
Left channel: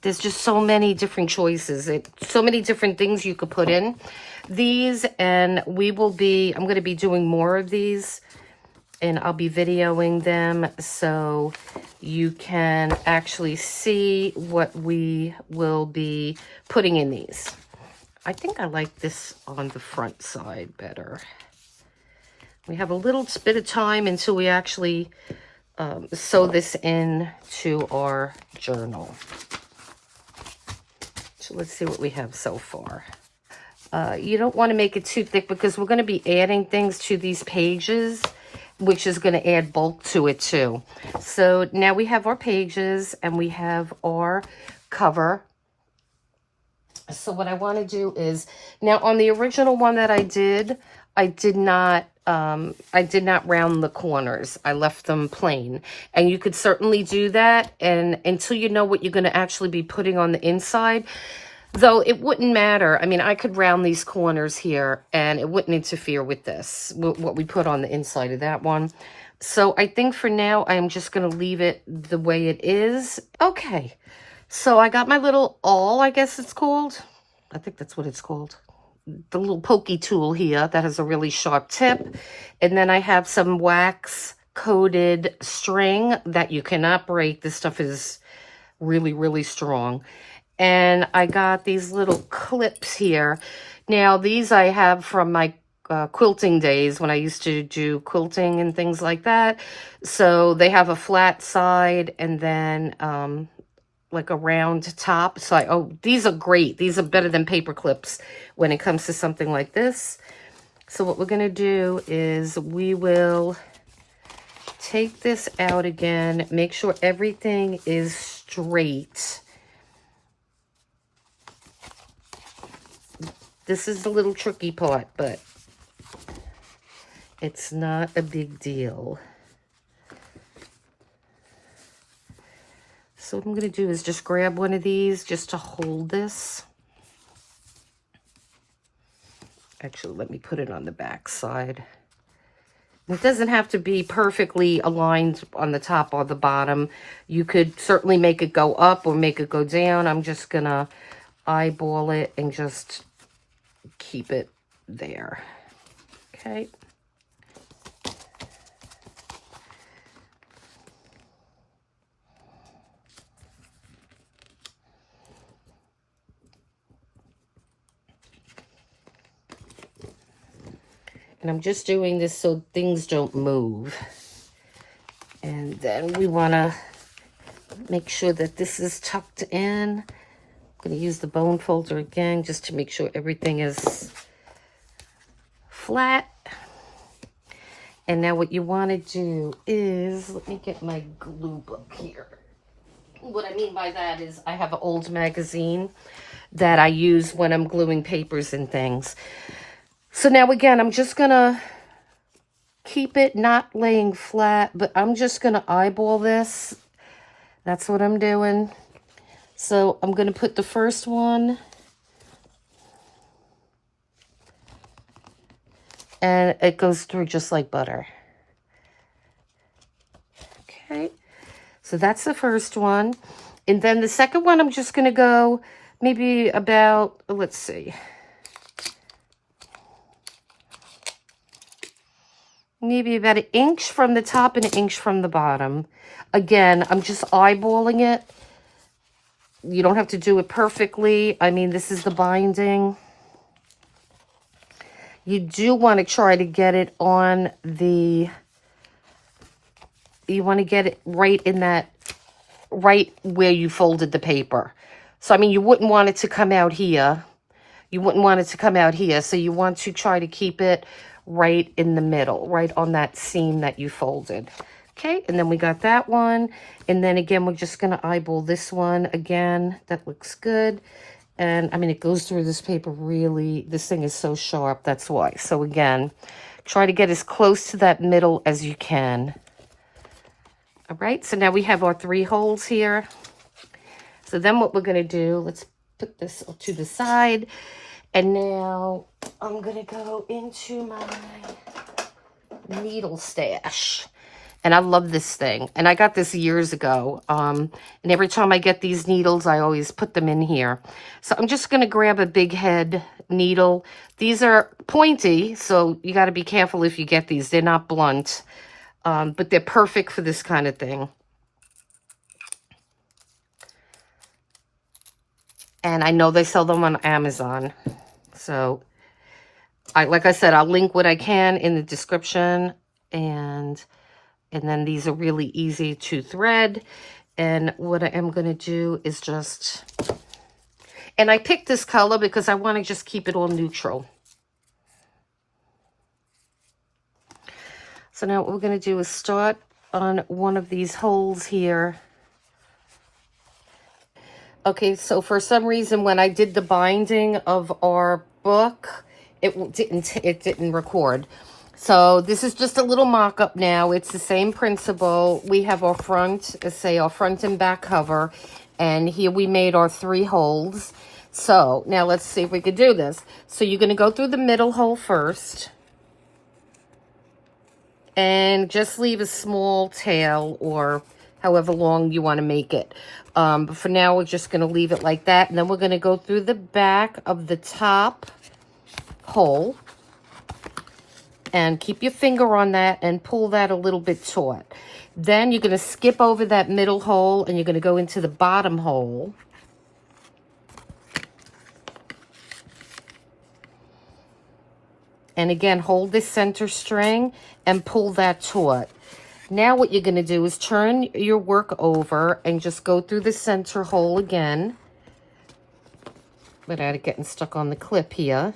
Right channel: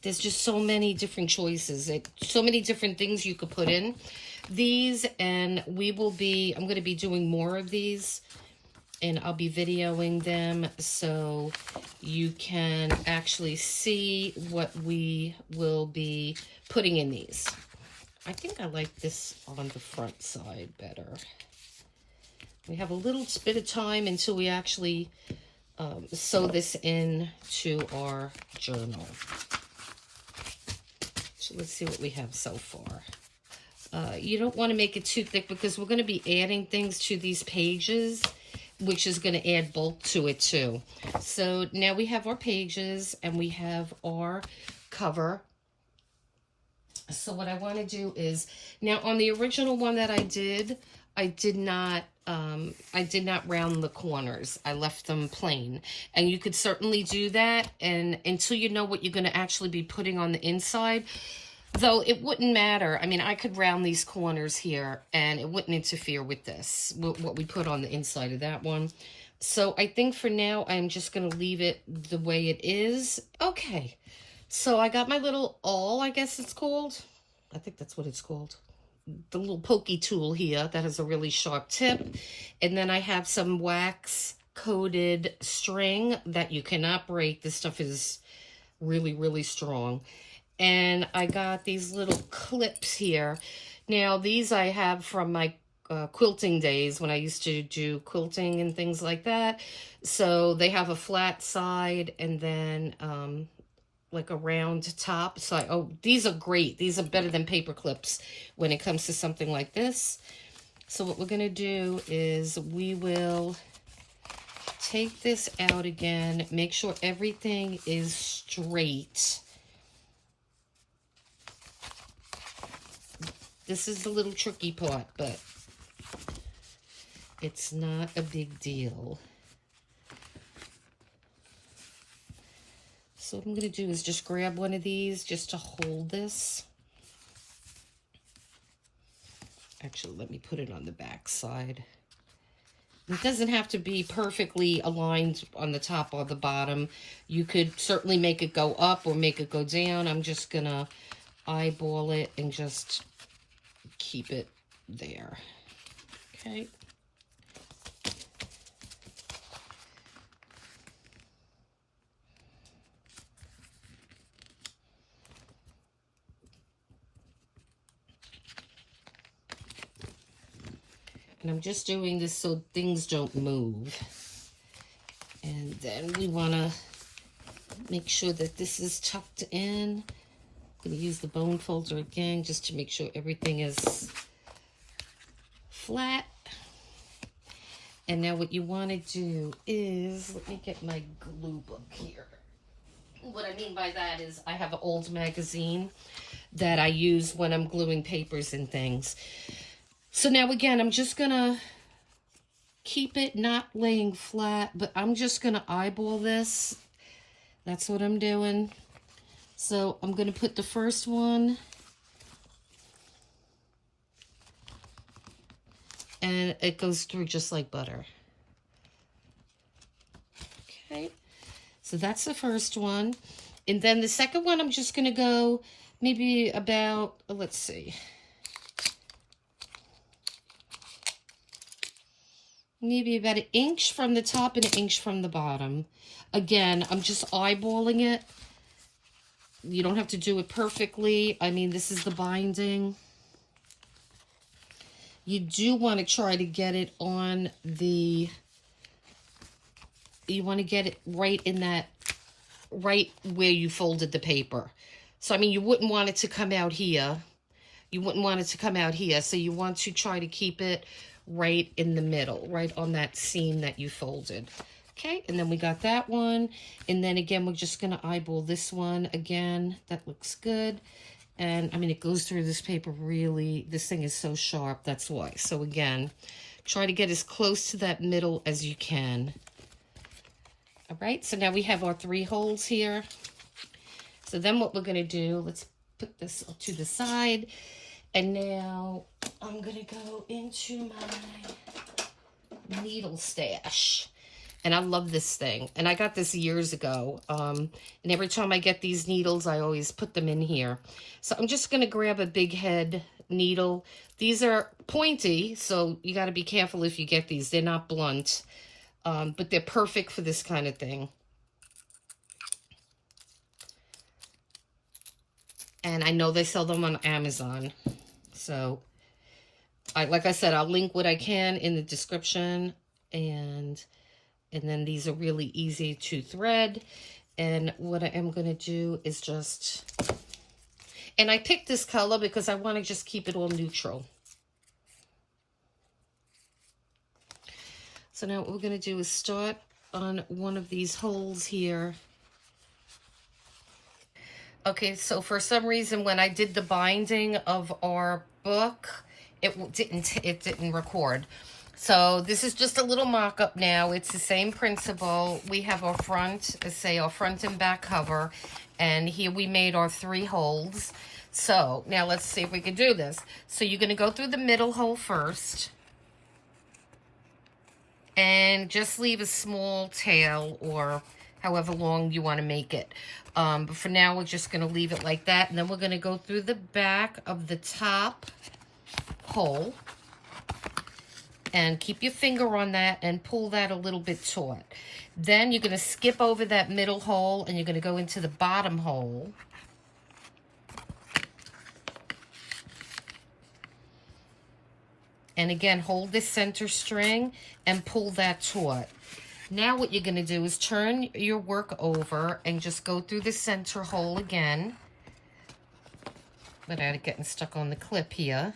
there's just so many different choices. So many different things you could put in these, and I'm going to be doing more of these, and I'll be videoing them so you can actually see what we will be putting in these. I think I like this on the front side better. We have a little bit of time until we actually sew this in to our journal. So let's see what we have so far. You don't want to make it too thick because we're going to be adding things to these pages, which is going to add bulk to it too. So now we have our pages and we have our cover. So what I want to do is, now on the original one that I did not round the corners. I left them plain. And you could certainly do that, and until you know what you're going to actually be putting on the inside, though it wouldn't matter. I mean, I could round these corners here and it wouldn't interfere with this, what we put on the inside of that one. So I think for now, I'm just going to leave it the way it is. Okay, so I got my little awl, I guess it's called. I think that's what it's called. The little pokey tool here that has a really sharp tip. And then I have some wax coated string that you cannot break. This stuff is really, really strong. And I got these little clips here. Now, these I have from my quilting days when I used to do quilting and things like that. So they have a flat side and then like a round top. So these are great. These are better than paper clips when it comes to something like this. So what we're going to do is we will take this out again, make sure everything is straight. This is the little tricky part, but it's not a big deal. So what I'm going to do is just grab one of these just to hold this. Actually, let me put it on the back side. It doesn't have to be perfectly aligned on the top or the bottom. You could certainly make it go up or make it go down. I'm just going to eyeball it and just keep it there. Okay. And I'm just doing this so things don't move. And then we want to make sure that this is tucked in. I'm going to use the bone folder again just to make sure everything is flat. And now what you want to do is, let me get my glue book here. What I mean by that is I have an old magazine that I use when I'm gluing papers and things. So now again, I'm just going to keep it not laying flat, but I'm just going to eyeball this. That's what I'm doing. So I'm going to put the first one. And it goes through just like butter. Okay. So that's the first one. And then the second one, I'm just going to go maybe about, let's see. Maybe about 1 inch from the top and 1 inch from the bottom. Again, I'm just eyeballing it. You don't have to do it perfectly. I mean, this is the binding. You do want to try to get it on the, you want to get it right in that, right where you folded the paper. So, I mean, you wouldn't want it to come out here. You wouldn't want it to come out here. So you want to try to keep it right in the middle, right on that seam that you folded. Okay, and then we got that one. And then again, we're just going to eyeball this one again. That looks good. And I mean, it goes through this paper really, this thing is so sharp, that's why. So again, try to get as close to that middle as you can. All right, so now we have our 3 holes here. So then what we're gonna do, let's put this to the side. And now I'm gonna go into my needle stash. And I love this thing. And I got this years ago. And every time I get these needles, I always put them in here. So I'm just going to grab a big head needle. These are pointy, so you got to be careful if you get these. They're not blunt, but they're perfect for this kind of thing. And I know they sell them on Amazon. So, like I said, I'll link what I can in the description. And then these are really easy to thread. And what I am going to do is just, and I picked this color because I want to just keep it all neutral. So now what we're going to do is start on one of these holes here. Okay, so for some reason when I did the binding of our book, it didn't record. So this is just a little mock-up now. It's the same principle. We have our front, let's say our front and back cover. And here we made our 3 holes. So now let's see if we can do this. So you're going to go through the middle hole first. And just leave a small tail or however long you want to make it. But for now, we're just going to leave it like that. And then we're going to go through the back of the top hole. And keep your finger on that and pull that a little bit taut. Then you're going to skip over that middle hole and you're going to go into the bottom hole. And again, hold this center string and pull that taut. Now what you're going to do is turn your work over and just go through the center hole again. Without it getting stuck on the clip here.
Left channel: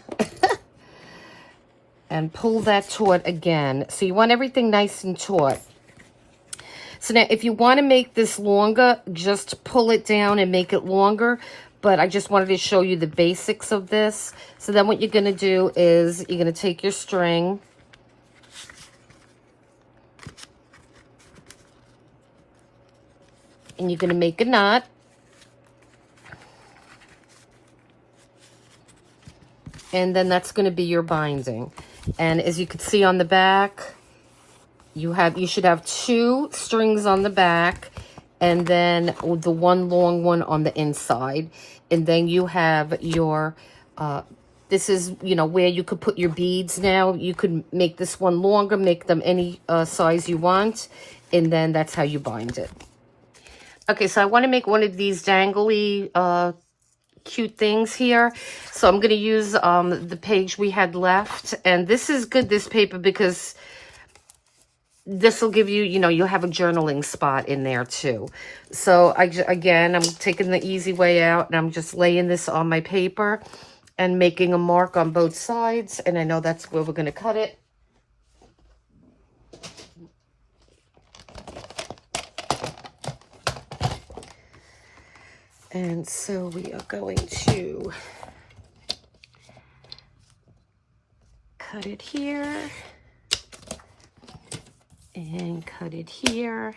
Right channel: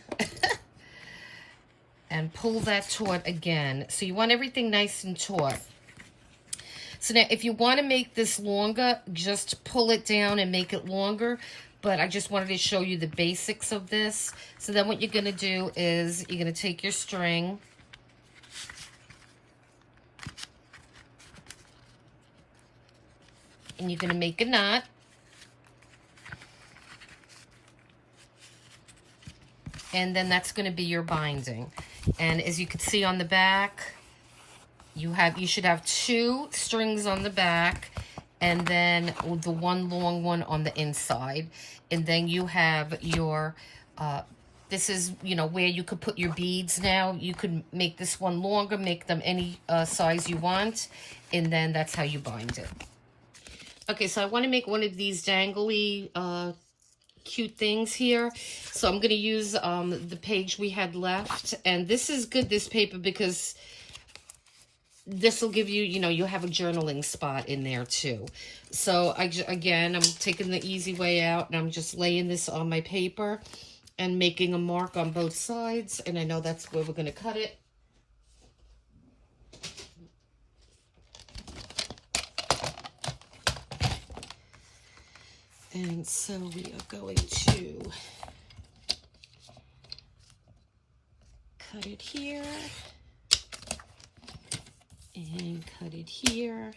And pull that taut again. So you want everything nice and taut. So now if you want to make this longer, just pull it down and make it longer. But I just wanted to show you the basics of this. So then what you're going to do is you're going to take your string. And you're going to make a knot. And then that's going to be your binding. And as you can see on the back, you should have 2 strings on the back and then the one long one on the inside. And then you have your, this is, you know, where you could put your beads now. You could make this one longer, make them any size you want. And then that's how you bind it. Okay, so I want to make one of these dangly cute things here. So I'm going to use the page we had left. And this is good, this paper, because this will give you, you know, you'll have a journaling spot in there too. So again, I'm taking the easy way out, and I'm just laying this on my paper and making a mark on both sides. And I know that's where we're going to cut it. And so we are going to cut it here and cut it here.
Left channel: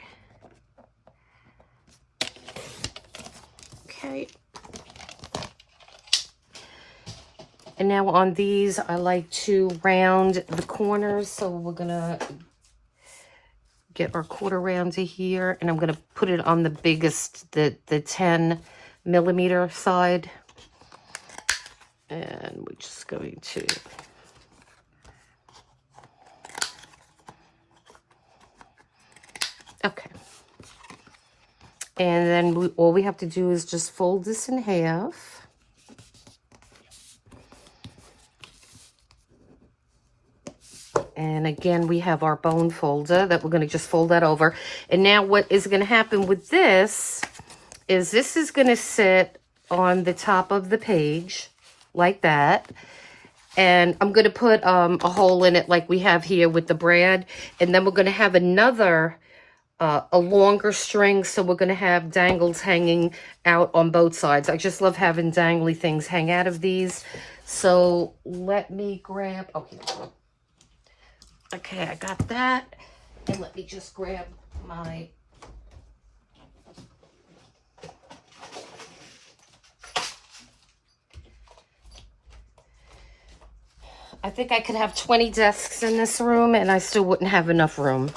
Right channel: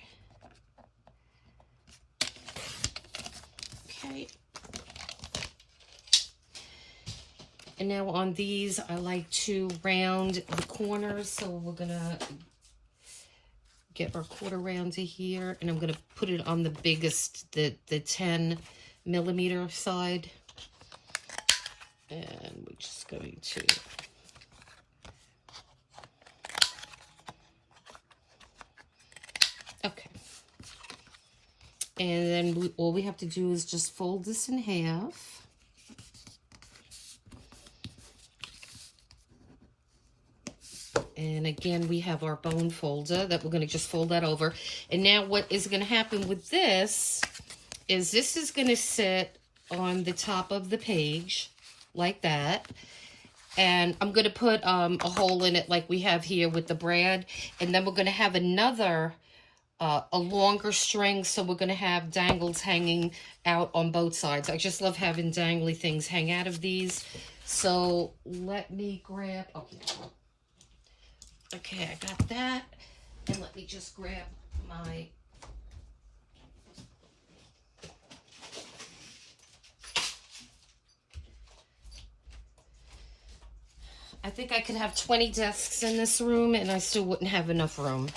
Okay. And now on these, I like to round the corners. So we're going to get our quarter round to here, and I'm going to put it on the biggest, the 10 millimeter side. And we're just going to okay. And then all we have to do is just fold this in half. And again, we have our bone folder that we're going to just fold that over. And now what is going to happen with this is going to sit on the top of the page like that. And I'm going to put a hole in it like we have here with the brad. And then we're going to have another, a longer string. So we're going to have dangles hanging out on both sides. I just love having dangly things hang out of these. So let me grab, okay, I got that. And let me just grab my, I think I could have 20 desks in this room and I still wouldn't have enough room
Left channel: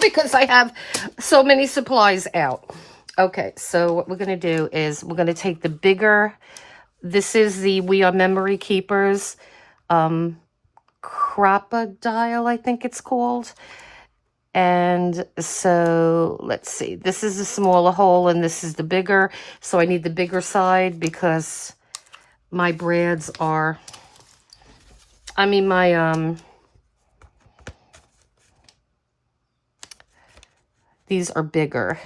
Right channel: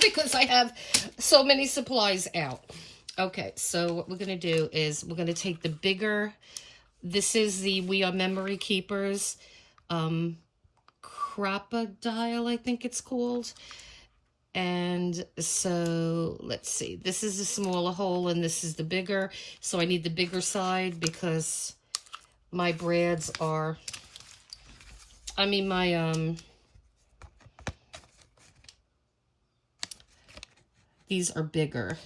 because I have so many supplies out. Okay, so what we're going to do is we're going to take the bigger, this is the We Are Memory Keepers Crocodile, I think it's called. And so let's see, this is the smaller hole and this is the bigger. So I need the bigger side because my brads are, these are bigger.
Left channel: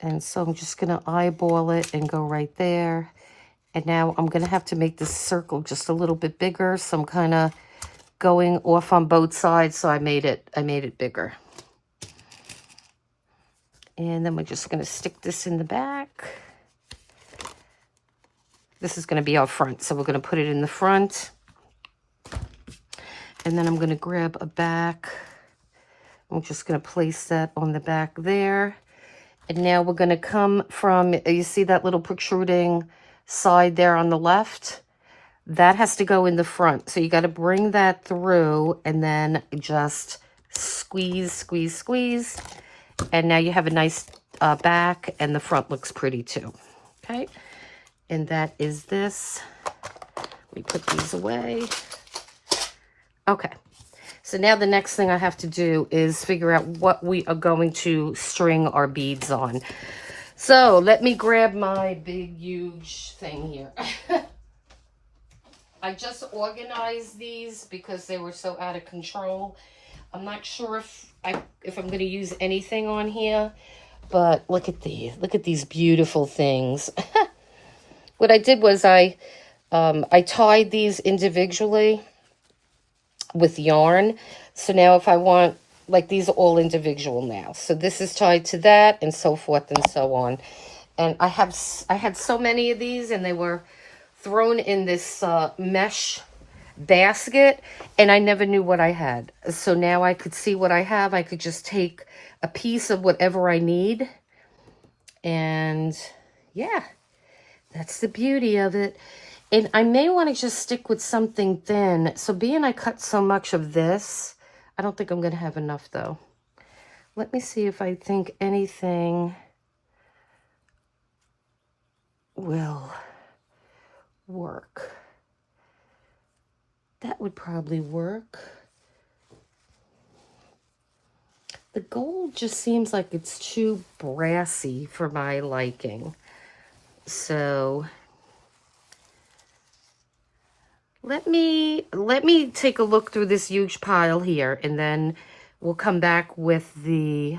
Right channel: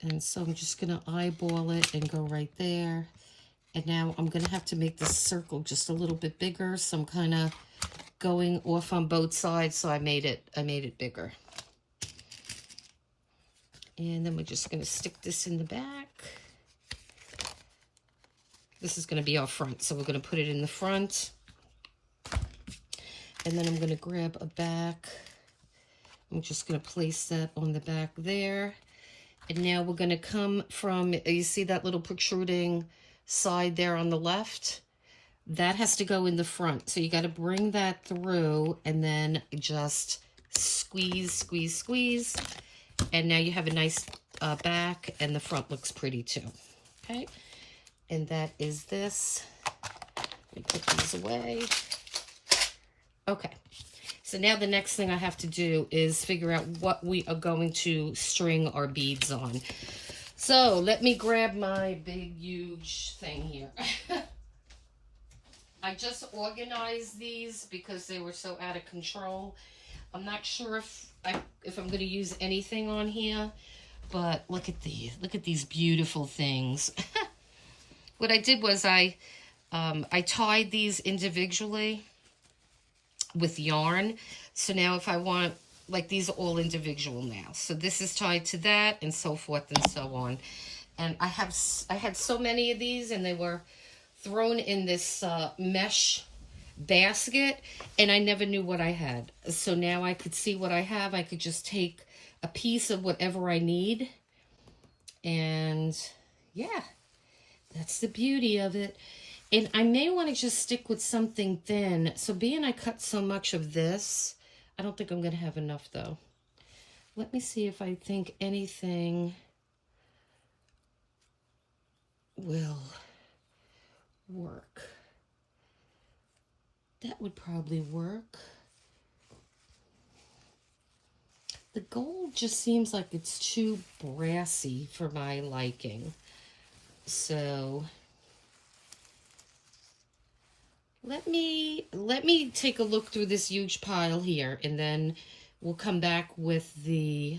And so I'm just going to eyeball it and go right there. And now I'm going to have to make this circle just a little bit bigger. So I'm kind of going off on both sides. So I made it bigger. And then we're just going to stick this in the back. This is going to be our front. So we're going to put it in the front. And then I'm going to grab a back. I'm just going to place that on the back there. And now we're going to come from, you see that little protruding side there on the left? That has to go in the front. So you got to bring that through and then just squeeze, squeeze, squeeze. And now you have a nice back, and the front looks pretty too. Okay. And that is this. Let me put these away. Okay. So now the next thing I have to do is figure out what we are going to string our beads on. So let me grab my big, huge thing here. I just organized these because they were so out of control. I'm not sure if I'm going to use anything on here, but look at these. Look at these beautiful things. What I did was I tied these individually with yarn. So now if I want, like, these are all individual now. So this is tied to that and so forth and so on. And I had so many of these, and they were thrown in this mesh basket, and I never knew what I had. So now I could see what I have. I could just take a piece of whatever I need. And yeah, that's the beauty of it. And I may want to just stick with something thin. So being I cut so much of this, I don't think I'm going to have enough though. Let me see if I think anything will work. That would probably work. The gold just seems like it's too brassy for my liking. So let me take a look through this huge pile here, and then we'll come back with the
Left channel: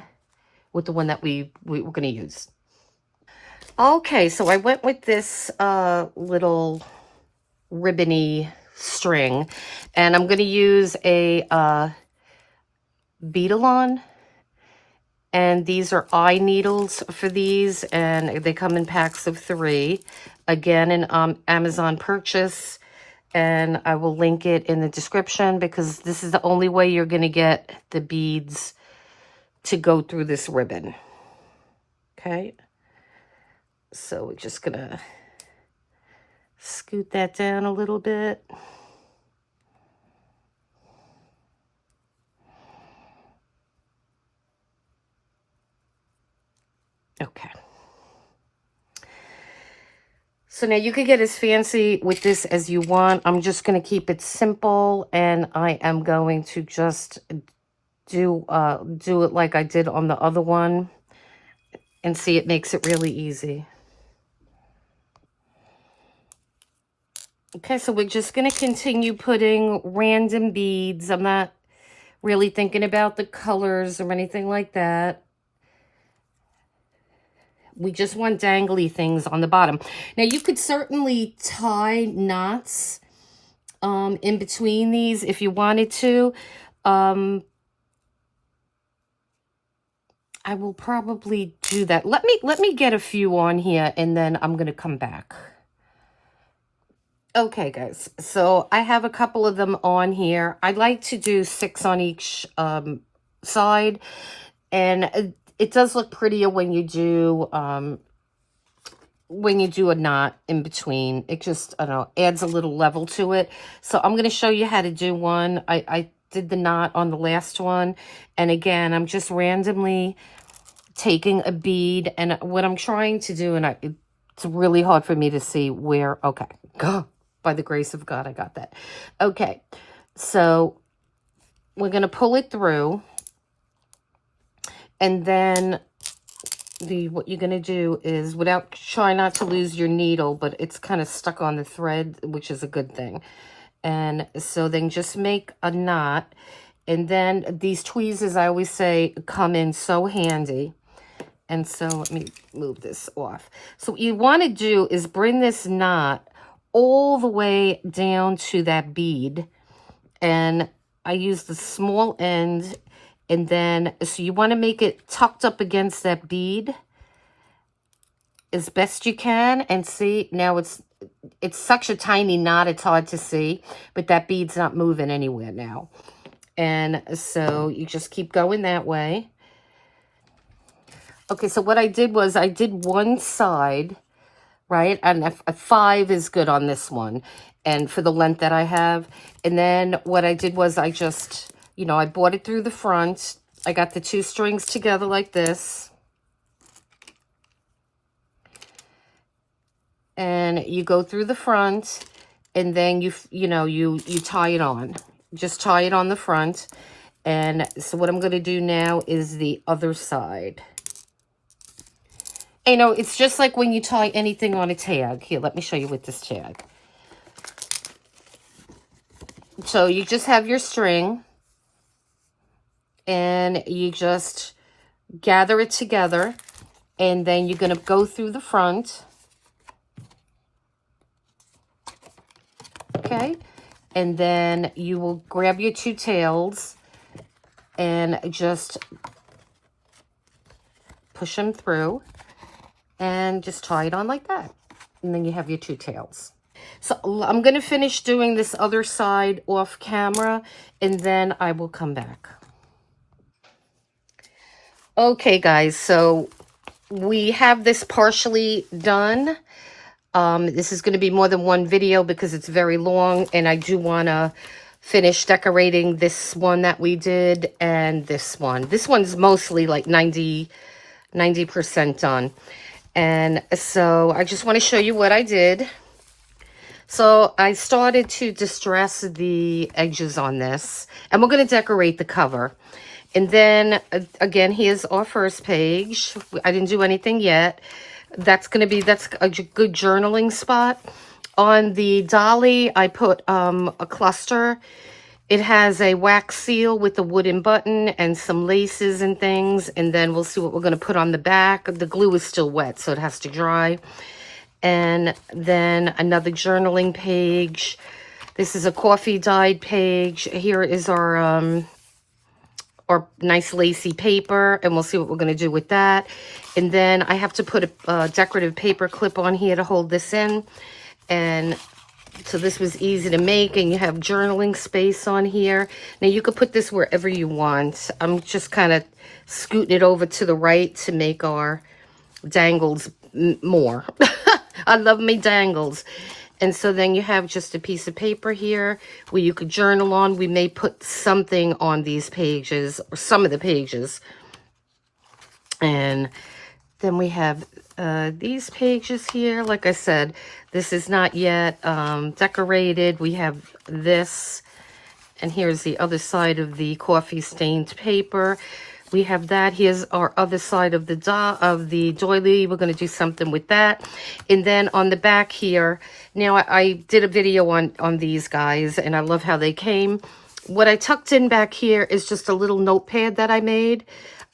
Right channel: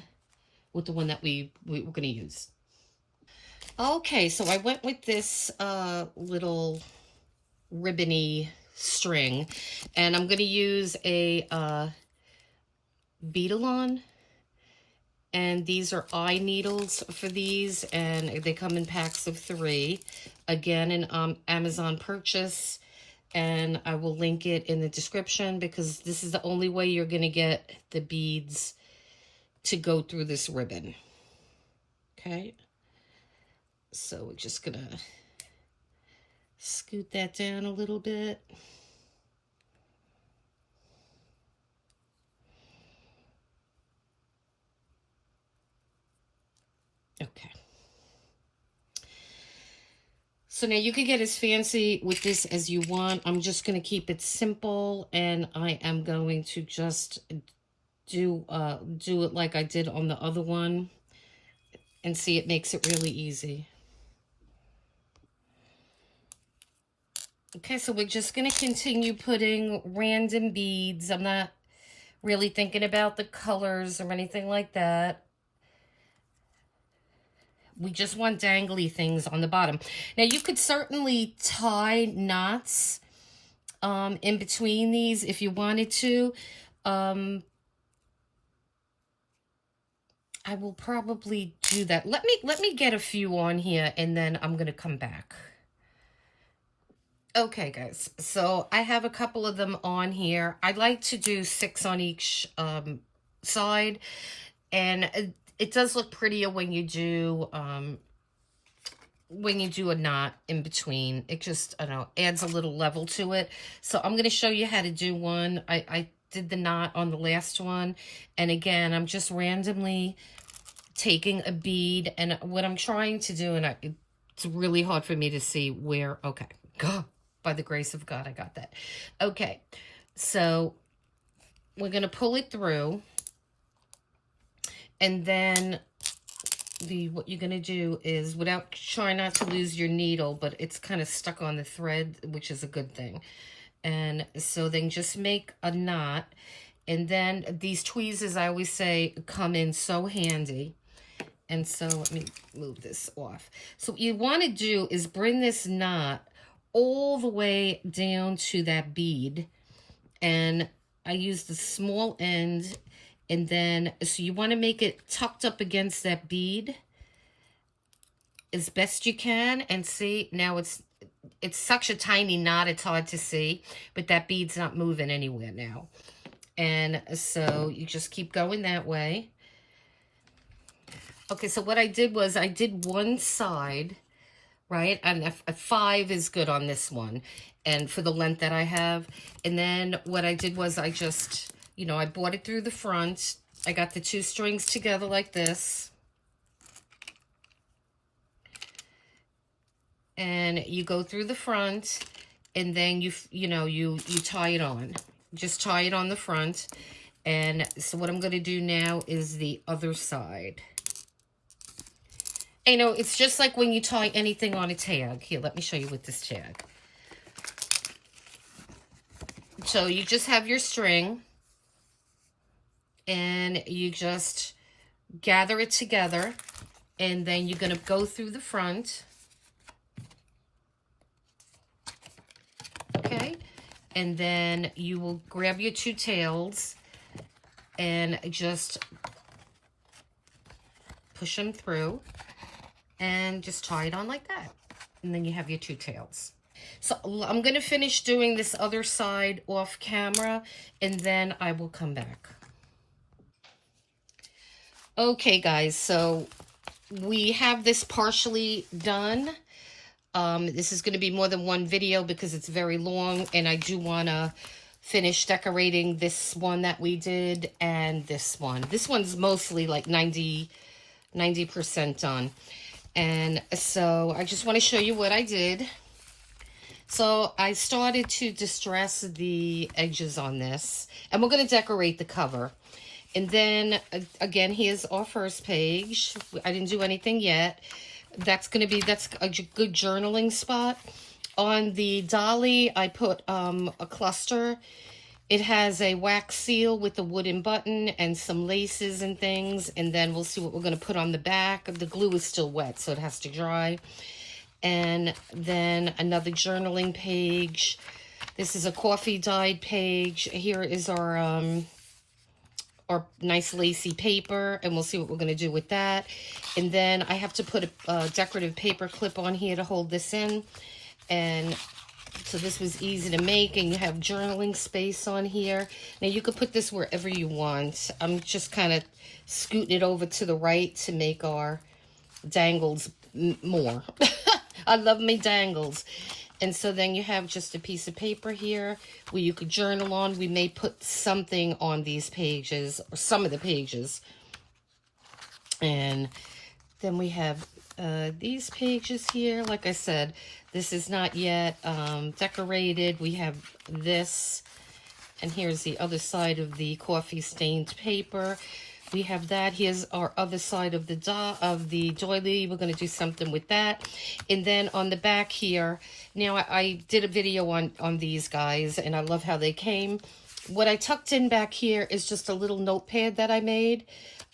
one that we're going to use. Okay, so I went with this little ribbony string, and I'm going to use a beadle-on, and these are eye needles for these, and they come in packs of 3. Again, an Amazon purchase, and I will link it in the description because this is the only way you're going to get the beads to go through this ribbon. Okay, so we're just going to scoot that down a little bit. Okay. So now you could get as fancy with this as you want. I'm just going to keep it simple, and I am going to just do it like I did on the other one, and see, it makes it really easy. Okay, so we're just going to continue putting random beads. I'm not really thinking about the colors or anything like that. We just want dangly things on the bottom. Now, you could certainly tie knots in between these if you wanted to. I will probably do that. Let me get a few on here, and then I'm going to come back. Okay, guys, so I have a couple of them on here. I like to do 6 on each side, and it does look prettier when you do a knot in between. It just, I don't know, adds a little level to it. So I'm going to show you how to do one. I did the knot on the last one, and again, I'm just randomly taking a bead, and what I'm trying to do, and it's really hard for me to see where. Okay, by the grace of God, I got that. Okay, so we're going to pull it through, and then what you're going to do is, try not to lose your needle, but it's kind of stuck on the thread, which is a good thing. And so then just make a knot, and then these tweezers, I always say, come in so handy. And so let me move this off. So what you want to do is bring this knot all the way down to that bead, and I use the small end, and then so you want to make it tucked up against that bead as best you can. And see, now it's such a tiny knot, it's hard to see, but that bead's not moving anywhere now. And so you just keep going that way. Okay, so what I did was I did one side, right? And a 5 is good on this one, and for the length that I have. And then what I did was I just, I brought it through the front. I got the 2 strings together like this. And you go through the front, and then you tie it on. Just tie it on the front. And so what I'm going to do now is the other side. It's just like when you tie anything on a tag. Here, let me show you with this tag. So you just have your string, and you just gather it together, and then you're going to go through the front. Okay? And then you will grab your 2 tails and just push them through. And just tie it on like that. And then you have your 2 tails. So I'm going to finish doing this other side off camera, and then I will come back. Okay, guys, so we have this partially done. This is going to be more than one video because it's very long, and I do want to finish decorating this one that we did and this one. This one's mostly like 90% done. And so I just want to show you what I did. So I started to distress the edges on this, and we're going to decorate the cover. And then, again, here's our first page. I didn't do anything yet. That's a good journaling spot. On the dolly, I put a cluster. It has a wax seal with a wooden button and some laces and things. And then we'll see what we're going to put on the back. The glue is still wet, so it has to dry. And then another journaling page. This is a coffee dyed page. Here is our nice lacy paper, and we'll see what we're going to do with that. And then I have to put a decorative paper clip on here to hold this in. And so this was easy to make, and you have journaling space on here. Now you could put this wherever you want. I'm just kind of scooting it over to the right to make our dangles more. I love my dangles. And so then you have just a piece of paper here where you could journal on. We may put something on these pages, or some of the pages. And then we have these pages here. Like I said, this is not yet decorated. We have this, and here's the other side of the coffee stained paper. We have that. Here's our other side of the doily. We're going to do something with that. And then on the back here, now I did a video on these guys, and I love how they came. What I tucked in back here is just a little notepad that I made,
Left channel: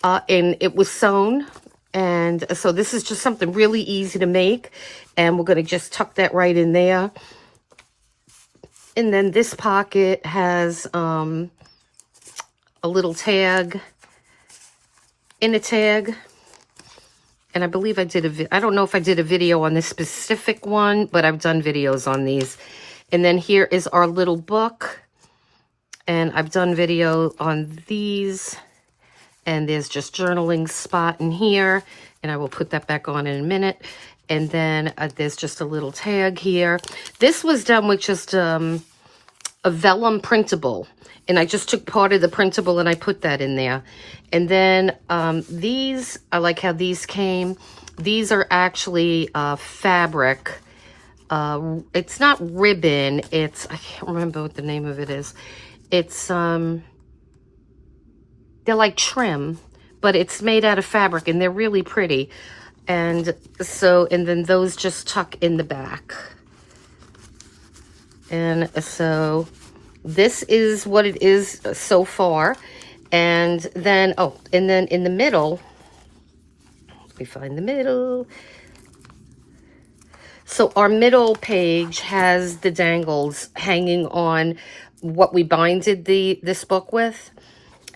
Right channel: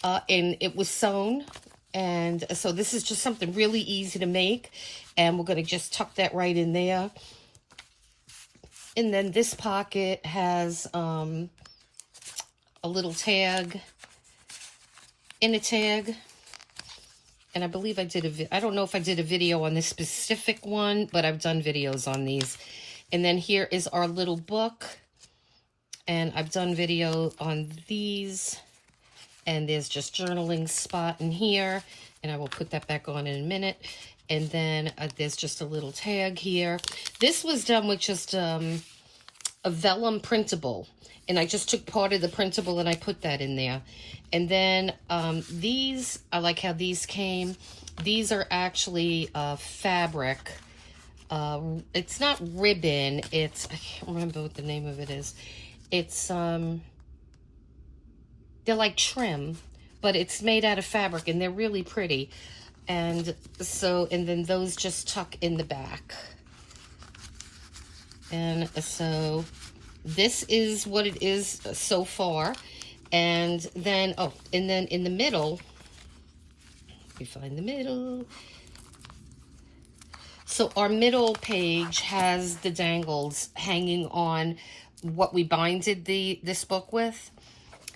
and it was sewn. And so this is just something really easy to make, and we're going to just tuck that right in there. And then this pocket has a little tag in a tag. And I believe I did I don't know if I did a video on this specific one, but I've done videos on these. And then here is our little book. And I've done video on these. And there's just journaling spot in here. And I will put that back on in a minute. And then there's just a little tag here. This was done with just a vellum printable. And I just took part of the printable and I put that in there. And then these, I like how these came. These are actually fabric. It's not ribbon. It's, I can't remember what the name of it is. It's, they're like trim, but it's made out of fabric, and they're really pretty. And so, and then those just tuck in the back. And so this is what it is so far. And then, oh, and then in the middle, let me find the middle. So our middle page has the dangles hanging on what we binded this book with.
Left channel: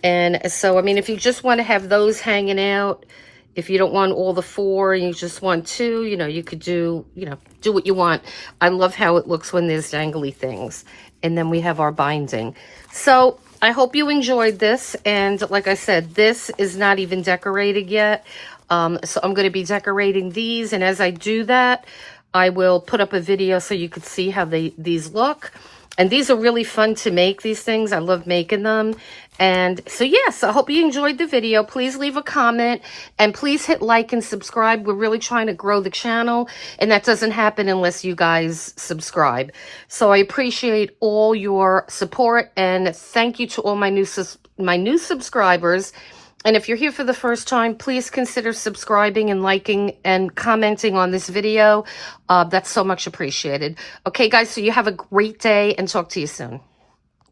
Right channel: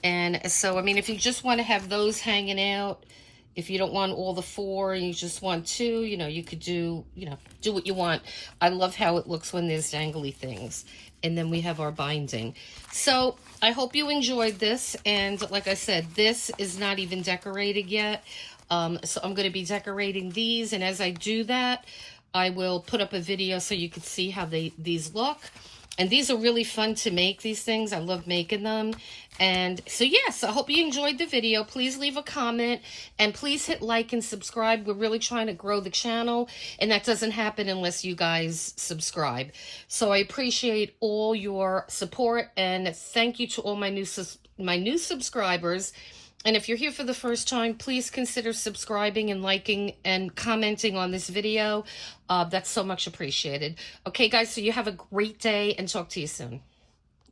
And so, I mean, if you just want to have those hanging out, if you don't want all the 4 and you just want 2, you know, you could do, you know, do what you want. I love how it looks when there's dangly things. And then we have our binding. So I hope you enjoyed this. And like I said, this is not even decorated yet. So I'm going to be decorating these. And as I do that, I will put up a video so you could see how these look. And these are really fun to make, these things. I love making them. And so, yes, I hope you enjoyed the video. Please leave a comment and please hit like and subscribe. We're really trying to grow the channel, and that doesn't happen unless you guys subscribe. So I appreciate all your support, and thank you to all my new subscribers. And if you're here for the first time, please consider subscribing and liking and commenting on this video. That's so much appreciated. Okay, guys, so you have a great day, and talk to you soon.